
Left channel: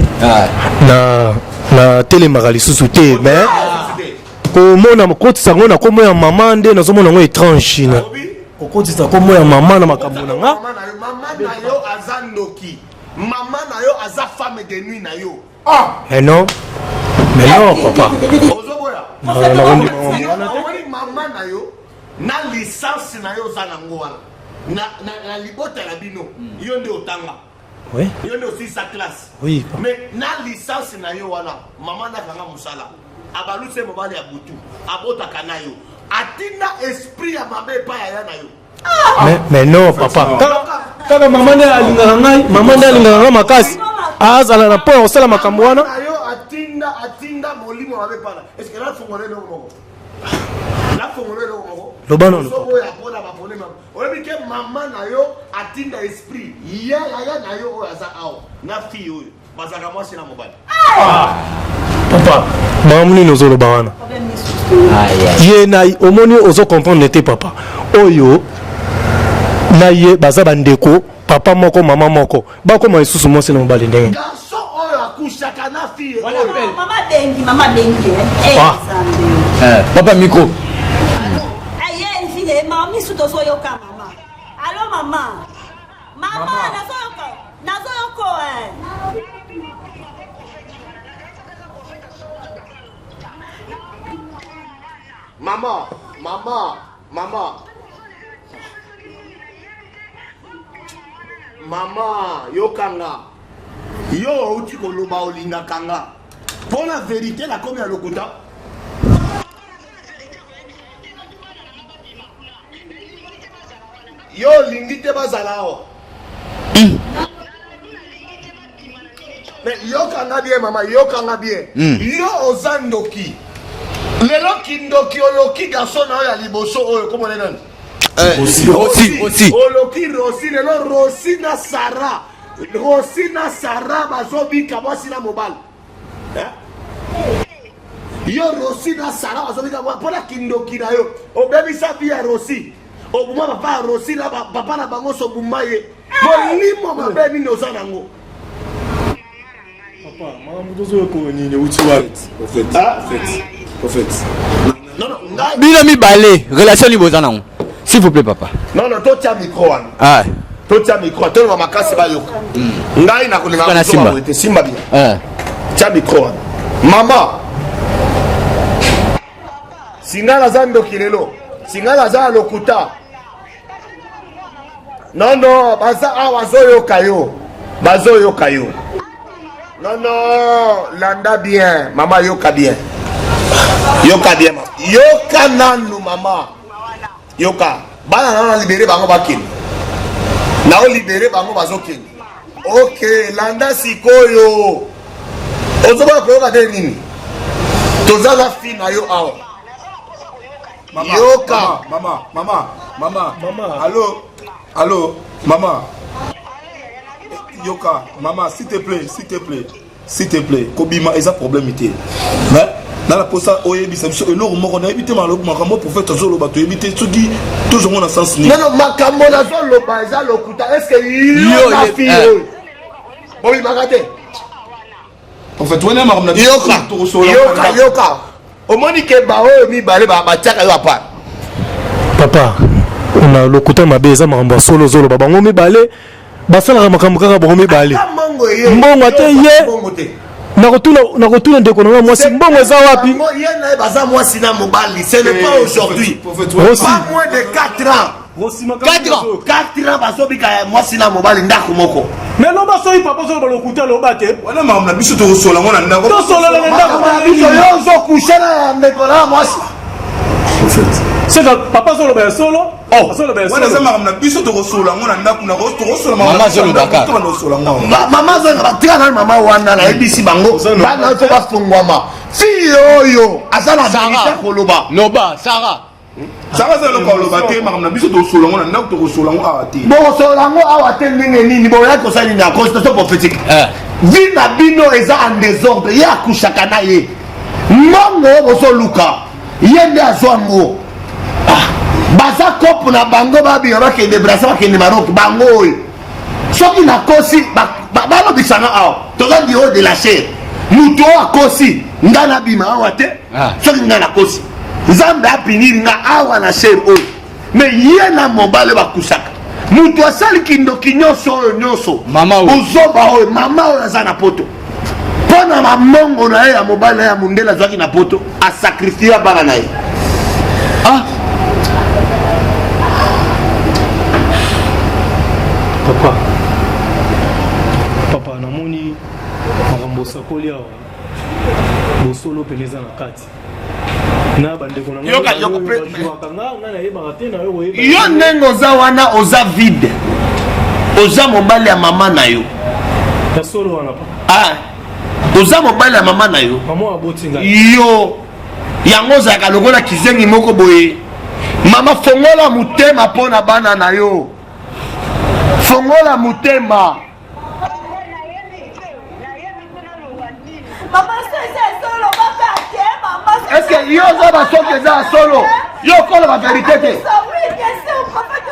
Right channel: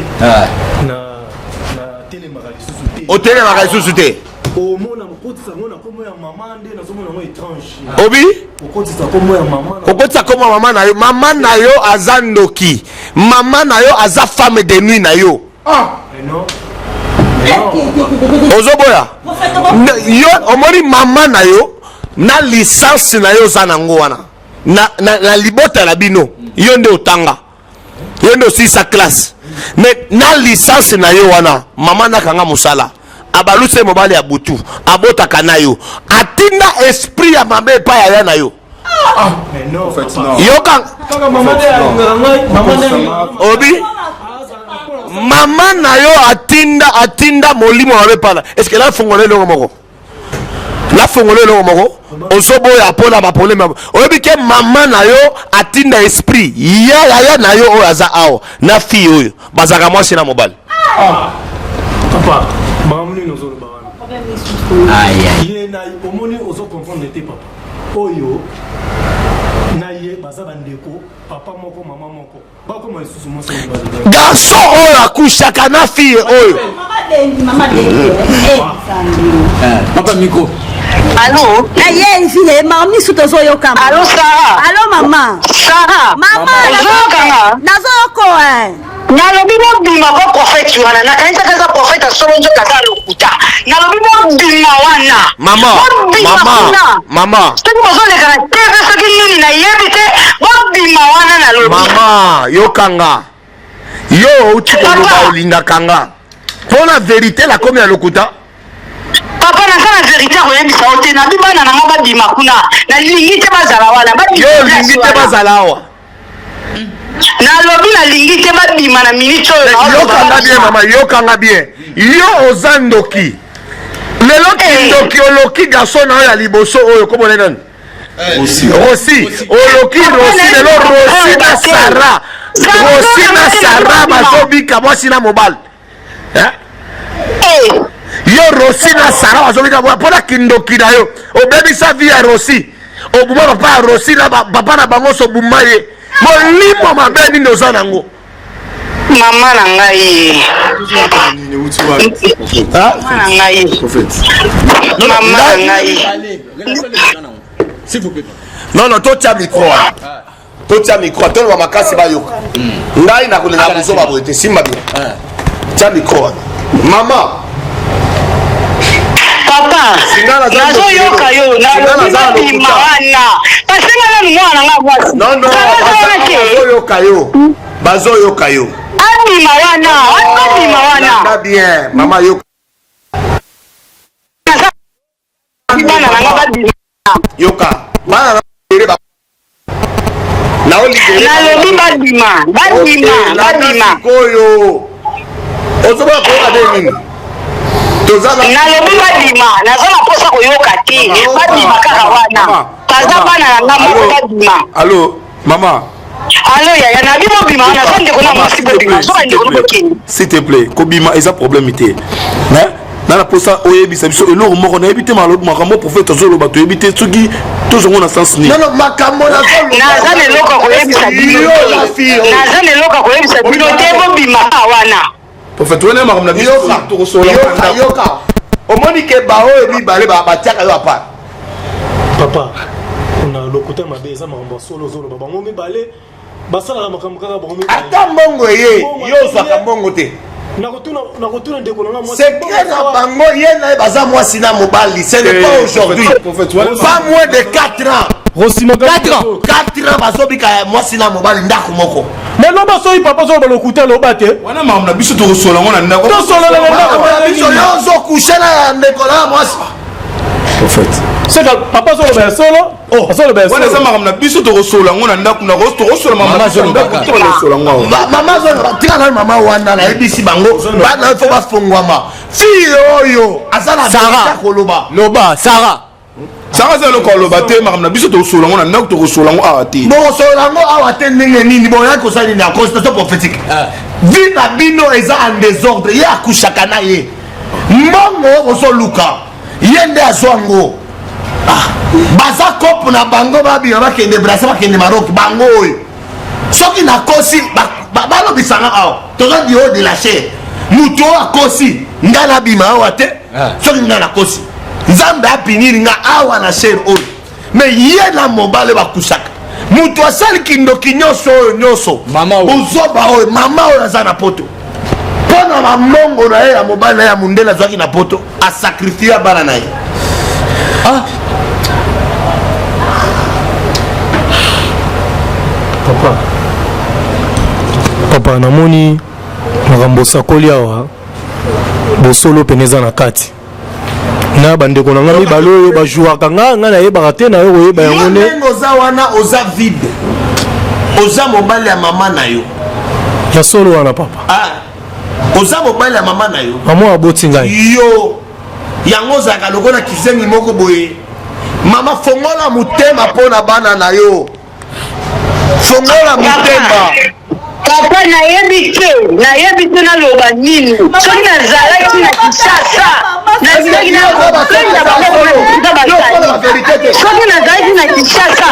Na télémagal sous te. O télémagal sous te. Comment na mokoti sango na komo ya maman nde na zomo nango étrange na. Obi? Okoti sa komo ya maman na. Okoti sa komo maman na yo. Maman na yo azandoki. Maman na yo aza femme de nuit na yo. Ah, non. Mais non papa. Ozoboya. Yo omoni maman na yo na licence na yo za nango wana na libota la bino yo nde otanga yo nde aussi sa classe mais na licence na yo wana mama nakanga musala abaluse mobali ya butu abotaka na yo atinda esprit ya mabe pa ya na yo. Mais non papa yoka maman na yo atinda molimo mabe pana est-ce que là fongole lo moko la fongole lo moko ozobo ya pona ba problème oyebi ke maman na yo atinda esprit ya na yo oyaza awo na fille oyo bazaka mwasi na mobali papa mamuni nozolo bawana ye na omoni ozo comprendre nete papa oyo na ye baza bandeko papa moko mama moko bakoma isusu mwasi na mobali ndenge garçon oyo akushaka na fille oyo mama dengi papa micro. Allô? Aïe, fille, maman, mi soute zo yo kama. Allô, Sarah? Allô, maman? Sarah? Maman, nazo ko nalobi mobima kwa prophète wana nakanisa kaza prophète solo nzoka za lokuta nalobi mobima wana mama soki bozoleka na tv soki nini nayebi te mobima wana nalobi mama yokanga yo uti koloba olingaka nga mpona vérité la komi ya lokuta papa naza na vérité akoyebisa o te nabi bana nanga babima kuna nalingi te bazala wana yo olingi te bazala awa nalobi nalingi te babima na minute oyo yokanga bien mama yokanga bien yo oza ndoki lelo ndoki oloki garçon na oyo ya liboso oyo komona nani rosi oloki rosi lelo rosi na sara rosi na sara bazobika mwasi na mobali yo rosi na sara bazobika mpona kindoki na yo obebisa vi ya rosi obuma papa ya rosi na papa na bango so buma ye molimo mabe nini oza nango mama na ngai Nous mibale relation liboza nango s'il vous plaît papa non totia micro totia micro toloma makasi bayoka ngai nakolinga kozoba te simba bien tia micro mama papa nazoyoka yo nazoyoka non bazoyoka yo abima wana landa bien mama yoka bien yoka nanu mama yoka bana nana libere bango bakini nao libere nalobi badima sikoyo ozoboka koyoka te nini nalobi badima naza na posa koyoka te badima kaka wana kaza bana na nga moko badima allo mama allo yaya nabi mobima wana so ndeko na mwasi bobima so bandeko nobokeni s'il te plaît kobima eza problème te mais na posa oyebisa biso eloko moko nayebi te makambo prophète azoloba toyebi te soki tozongo na sens nini non makambo naza na eloko koyebisa bino te bobima wana prophète wana makambo na yoka omoni ke baoyo mibale batiaka yo apa papa na lokuta mabe eza makambo ya solo ozoloba bango mibale basalaka makambo kaka bango mibale mbongo ate ye nakotuna ndeko nanga mwasi mbongo eza wapi ye naye baza mwasi na mobali ce n'est pas aujourd'hui pas moins de 4 ans 4 ans bazobika mwasi na mobali ndako moko mais non basoyi papa ozoloba lokuta aloba te wana makambo na biso tokosola ngo na ndako tosolana na ndako biso yo ozokushe na ndeko na mwasi seka papa azoloba ya solo azoloba ya wana eza makambo na biso tokosola ngo na ndako tokosola mama azoloba tika nani mama wana nayebisi bango bana fo bafungwama fille oyo aza na bika koloba loba Sarah eza eloko aloba te makambo na biso tokosola ngo na ndako tokosola ngo awa te bokosola yango awa te ndenge nini boyaki kosala nini ya consultation prophétique vi na bino eza en désordre ye akushaka na ye mbongo bozoluka ye nde azwa yango baza kope na bango babima bakende brasa bakende maroc bango oyo soki nakosi balobisanga awa toza dio de la chair mutu oyo akosi ngai nabima awa te soki ngai nakosi nzambe apiniri nga awa na chair oyo me ye na mobale bakusaka mutu asali kindoki nyonso oyo nyonso ozoba oyo mama oyo aza na poto mpo na bamongo na ye ya mobali na ye ya mondele azwaki na poto asakrifia bana na ye papa namoni makambo sakoli awa bosolo peneza na kati na bandeko na ngai mibale oyo bajouaka ngai nayebaka te na yo koyeba yango ndenge oza wana oza vide oza mobali ya mama na yo ya solo wana papa oza mobali ya mama na yo mama aboti ngai yo yango ozalaka lokola kizengi moko boye mama fongola motema mpo na bana na yo fongola motema papa nayebi te naloba nini soki nazalaki na kisasa soki nazalaki na kisasa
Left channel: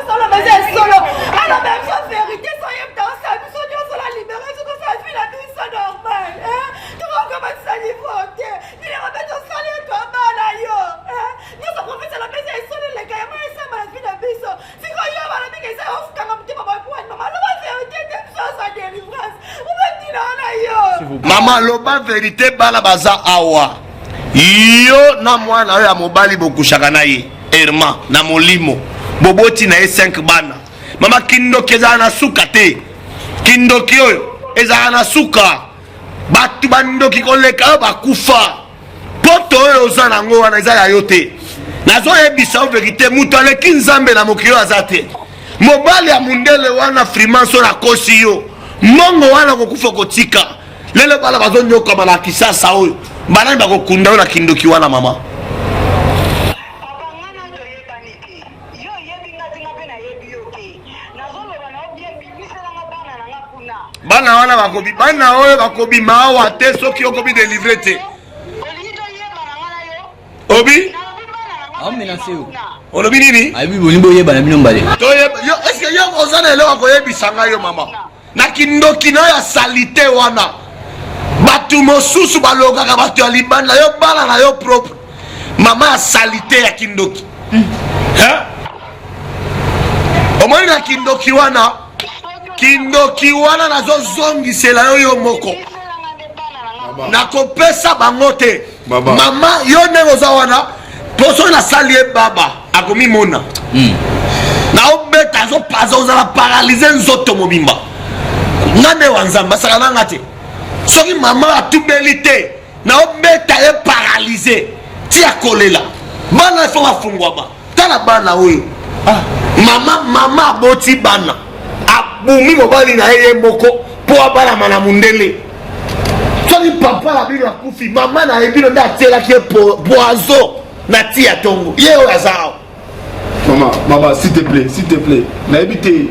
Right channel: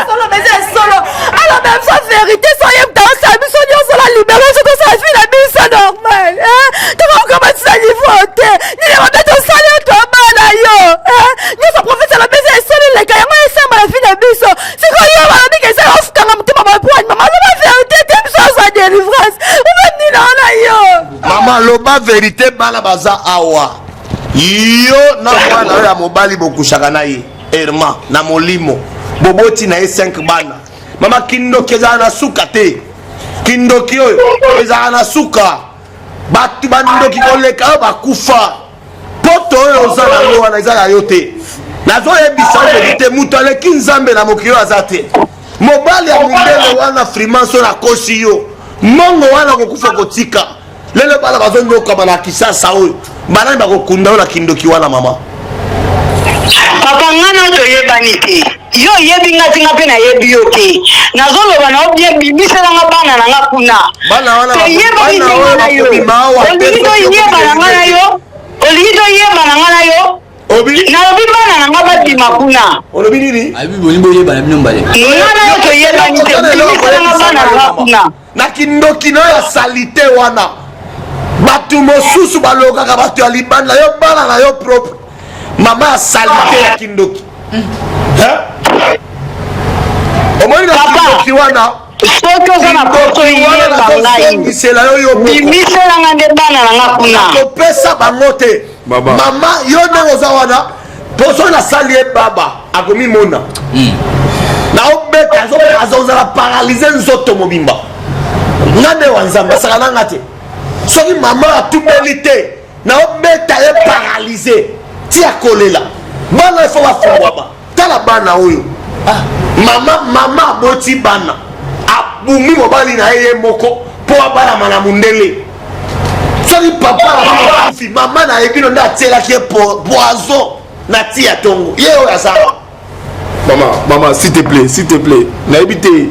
alors même sa vérité soyez dans sa biso nyonso la libération tosala fi na biso normal tokokomatisa niveau te nilema mpe tosali oto bana yo nyonso profete alobesa esoli leka yango esamba na fi na biso sikoyo balobika esala ofukanga motema mapwani mama aloba vérité te biso azwa délivrance obenina wana yo mama loba vérité bana baza awa yo na mwana oyo ya mobali bokushaka na ye erma na molimo boboti na ye 5 bana mama kindoki ezala na suka te kindoki oyo ezala na suka bato bandoki koleka oyo bakufa poto oyo oza nango wana eza ya yo te nazoyebisa vérité moto aleki nzambe na mokili oyo aza te mobali ya mindele wana frimanso nakosi yo mbongo wana kokufa kotika lelo bana bazonyokama na kisasa oyo banani bakokunda oyo na kindoki wana mama papa ngana toyebani te yo oyebi nga tinga mpe nayebi yo te nazoloba na obibiselanga bana na nga kuna bana wana oyo bakobima awa te soki okobingelite olingi toyeba na nga na yo obi nalobi bana na nga babima kuna olobi nini na kindoki na oyo asalite wana bato mosusu balokaka bato ya libanda yo bana na yo propre mama ya salite ya kindoki omoni na kindoki wana nazozongisela yo yo moko nakopesa bango te mama yo ndenge oza wana poso nasali ye baba akomimona naobeta azokaza ozala paralize nzoto mobimba nga nde wa nzambe asaka nanga te soki mama atubeli te naobeta ye paralize ti akolela bana ifo bafungwama tala bana oyo mama aboti bana abumi mobali na ye moko mpo abalama na mundele soki papa akufi mama na yebino nde atielaki ye poison na ti ya tongo ye oyo aza mama s'il te plaît nayebi te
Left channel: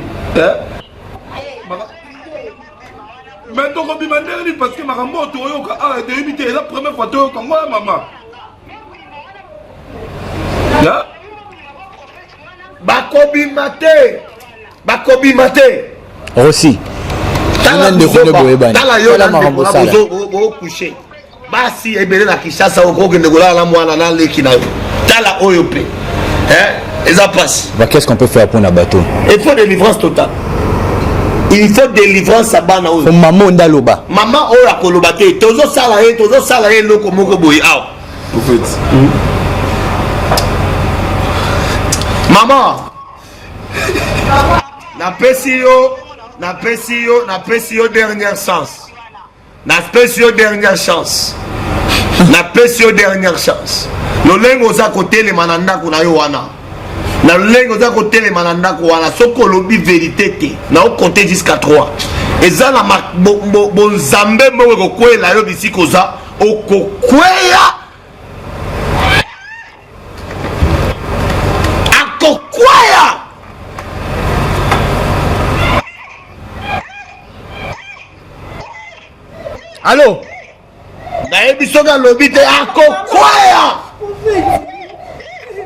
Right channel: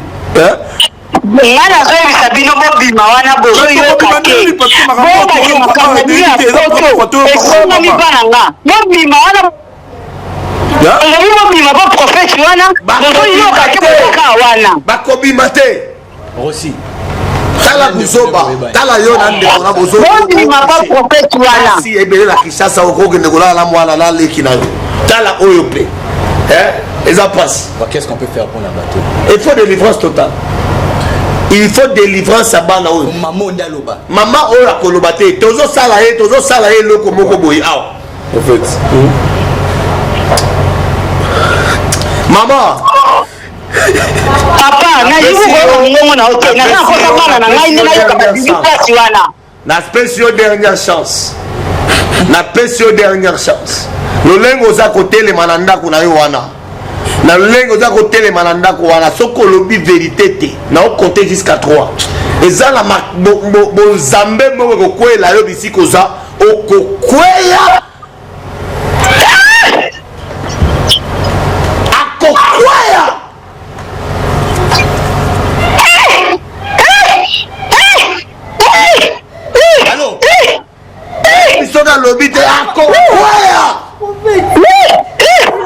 nga nazoyebisa bino bobima wana bozoyoka te bobake makambo ya poto ekomami bana nga bobima wana olobi bobima boprofete wana bozoyoka te boyoka wana bakobima te aussi tala buzoba tala yo na ndeko bobima boprofete wana kasi ebele na kishasa okokende kolala mwana na leki na yo tala oyo mpe eza pasi qu'est-ce qu'on peut faire pour na bateau il faut délivrance totale il faut délivrance à bana oyo mama ndaloba mama oyo akoloba te tozosala ye eloko moko boye awa mama papa napesi yo dernière chance lolenge oza kotelema na ndako na yo wana na lolenge oza kotelema na ndako wana soki olobi vérité te na okonte jusqu'à 3 eza na bonzambe moko kokwela yo bisika oza okokweya akokweya alo nayebi soki alobi te akokwaya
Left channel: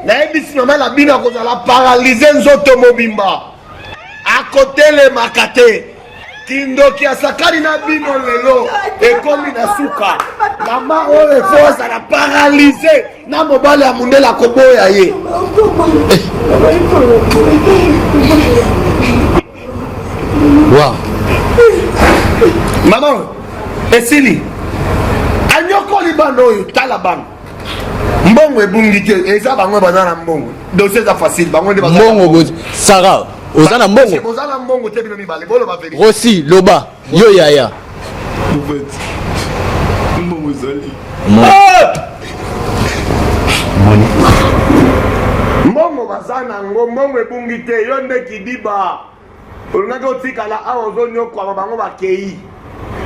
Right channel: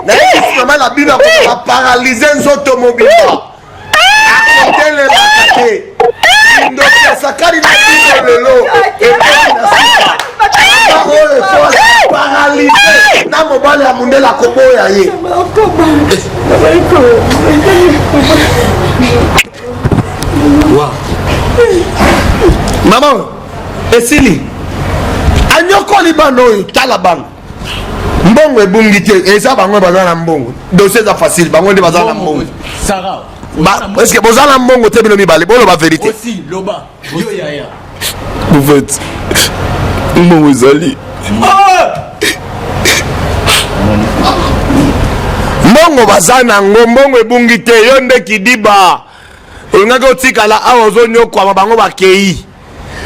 nayebi mama na bino akozala paralize nzoto mobimba akotelemaka te kindoki asakani na bino lelo ekomi na suka mama oyo efo azala paralize na mobali ya mondele akoboya ye mama esili anyokoli bana oyo tala bango mbongo ebungi te eza bango baza na mbongo dossier eza facile bango nde baza na mbongo sara Est-ce que vous avez un bon côté de l'Omibale? Bon, la vérité. Aussi, Loba. Yo Yaya. Vous faites. Vous allez. Mongo bazana ngombongo ebungi te yo nde kidiba ongaka otikala awa ozonyokwama bango bakei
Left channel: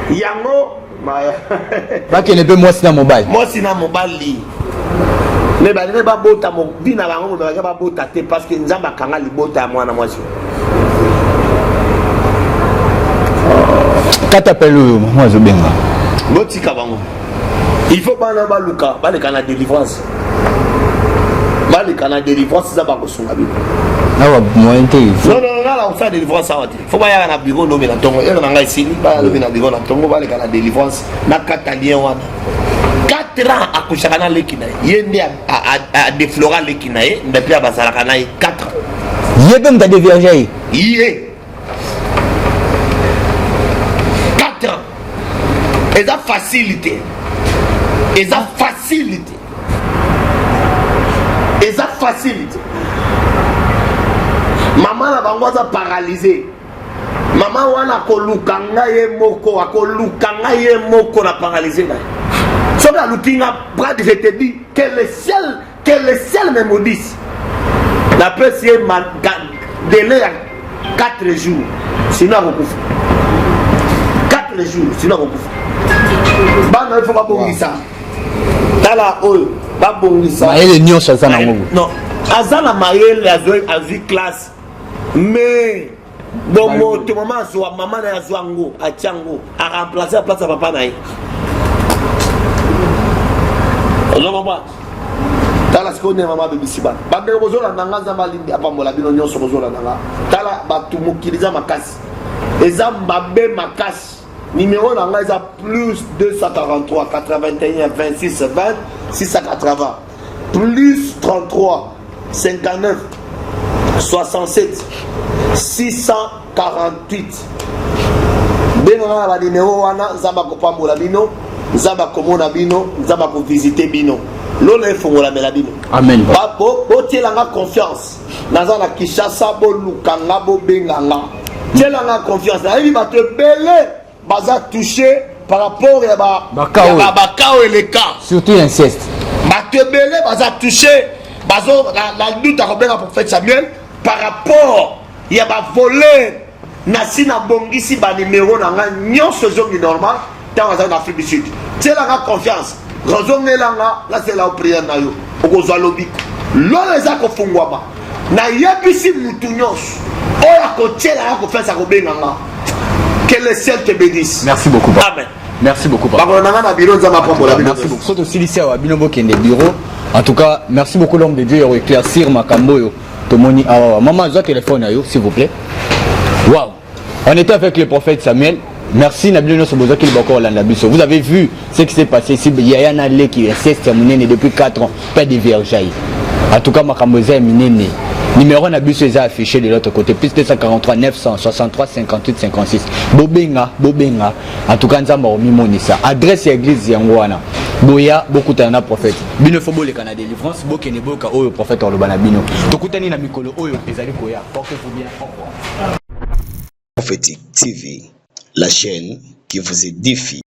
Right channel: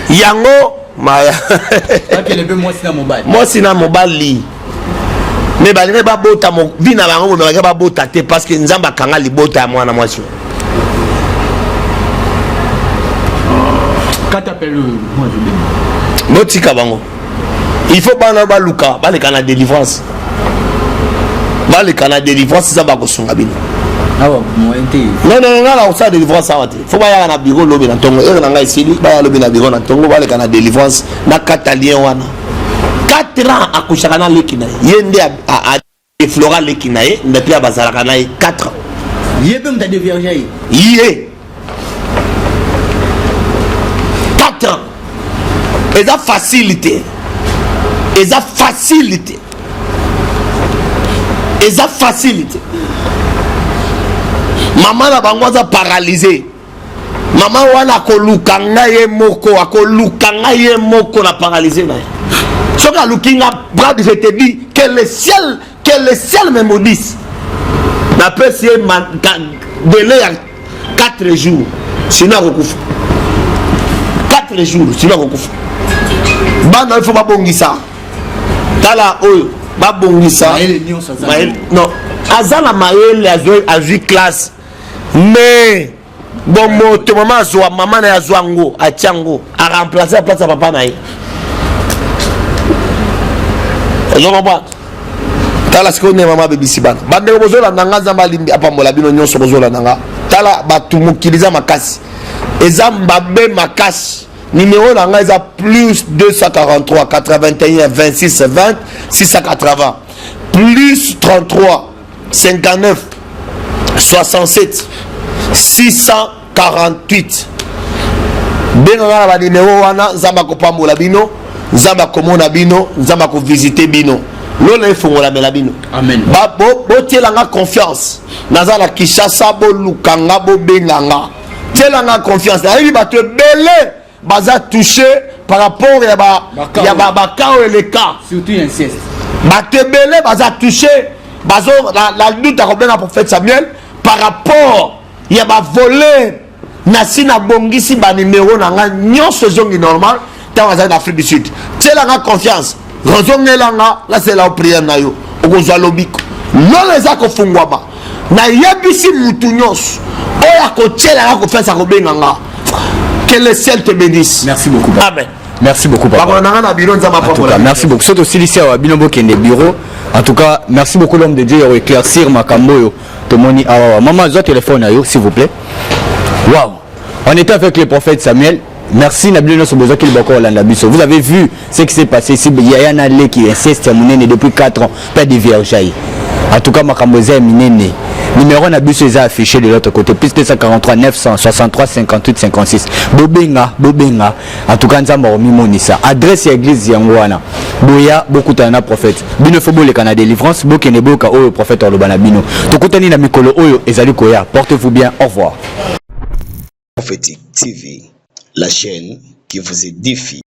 yango maya bakele mpe mwasi na mobali me balingi babota vi na bango me balingi babota te parce que nzambe akanga libota ya mwana mwasi katapele oyo mwa azobenga botika bango il faut bana baluka baleka na délivrance baleka na délivrance za bakosunga bino non la osa délivrance awa te fo bayaka na bureau lobi na ntongo oyo na ngai esili baya lobi na bureau na ntongo baleka na délivrance na kata lien wana 4 ans akushaka na leki na ye nde adeflora leki na ye me mpe bazalaka na ye 4 ans ye mpe mutu adevierge ye 4 ans eza facilité eza facilité eza facilité mama na bango aza paralysé mama wana akoluka ngai ye moko na paralysé na ye soki aluki nga brad je te dis que le ciel me maudisse napesi ye délai ya 4 jours sinon akokufa 4 jours sinon akokufa bana il faut babongisa tala oyo babongisa non aza na mayele azwi classe mais bon moto mama azwa mama na ye azwa ngo atia ngo aremplace a place ya papa na ye ozomobwana tala sikoyo nde mama abebisi bana bandeko bozolanda nga nzambe alimbi apambola bino nyonso bozolanda nga tala bato mokili eza makasi eza mabe makasi numéro na nga eza plus 243 81 26 20 680 plus 33 59 67 648 benga na banimero wana nzambe akopambola bino nzambe akomona bino nzambe akovisite bino lola efongolamela bino botielanga confiance naza na Kinshasa bolukanga bobenganga tielanga confiance nayebi bato ebele baza touché par rapport ya bakao et les cas surtout inceste bato ebele baza touché bazo la lutte akobenga prophète Samuel par rapport ya bavoleur nasi na bongisi banimero na nga nyonso ezongi normal ntango bazali na Afrique du Sud tielanga confiance rozongelanga lasela opriere na yo okozwa lobiko lolo eza kofungwama nayebisi mutu nyonso oyo akotielanga kofesa kobenganga. Que le ciel te bénisse. Merci beaucoup. Amen. Merci beaucoup. Papa. Merci beaucoup. Surtout aussi ici à Binobo qui est des bureaux. En tout cas, merci beaucoup l'homme de Dieu pour éclaircir ma cambo. Tomoni maman, j'ai téléphone à vous s'il vous plaît. Waouh. On était avec le prophète Samuel. Merci Nabino Sobozo qui est. Vous avez vu ce qui s'est passé ici. Il y a un allé qui insiste à mon depuis 4 ans. Pas de viergeailles. En tout cas, ma camboza est minée. Numéro Nabiso est affiché de l'autre côté. Plus 243 963 58 56. Bobenga. En tout cas, Nzamba Omimonisa. Adresse à l'église Yangwana. Boya, beaucoup de prophètes. Bino Fobo le Canada délivrance. Bokeneboka, oh, le prophète Orlobana Bino. Tokotani na Mikolo, oh, Ezali Koya. Portez-vous bien. Au revoir. Prophétique TV, la chaîne qui vous édifie.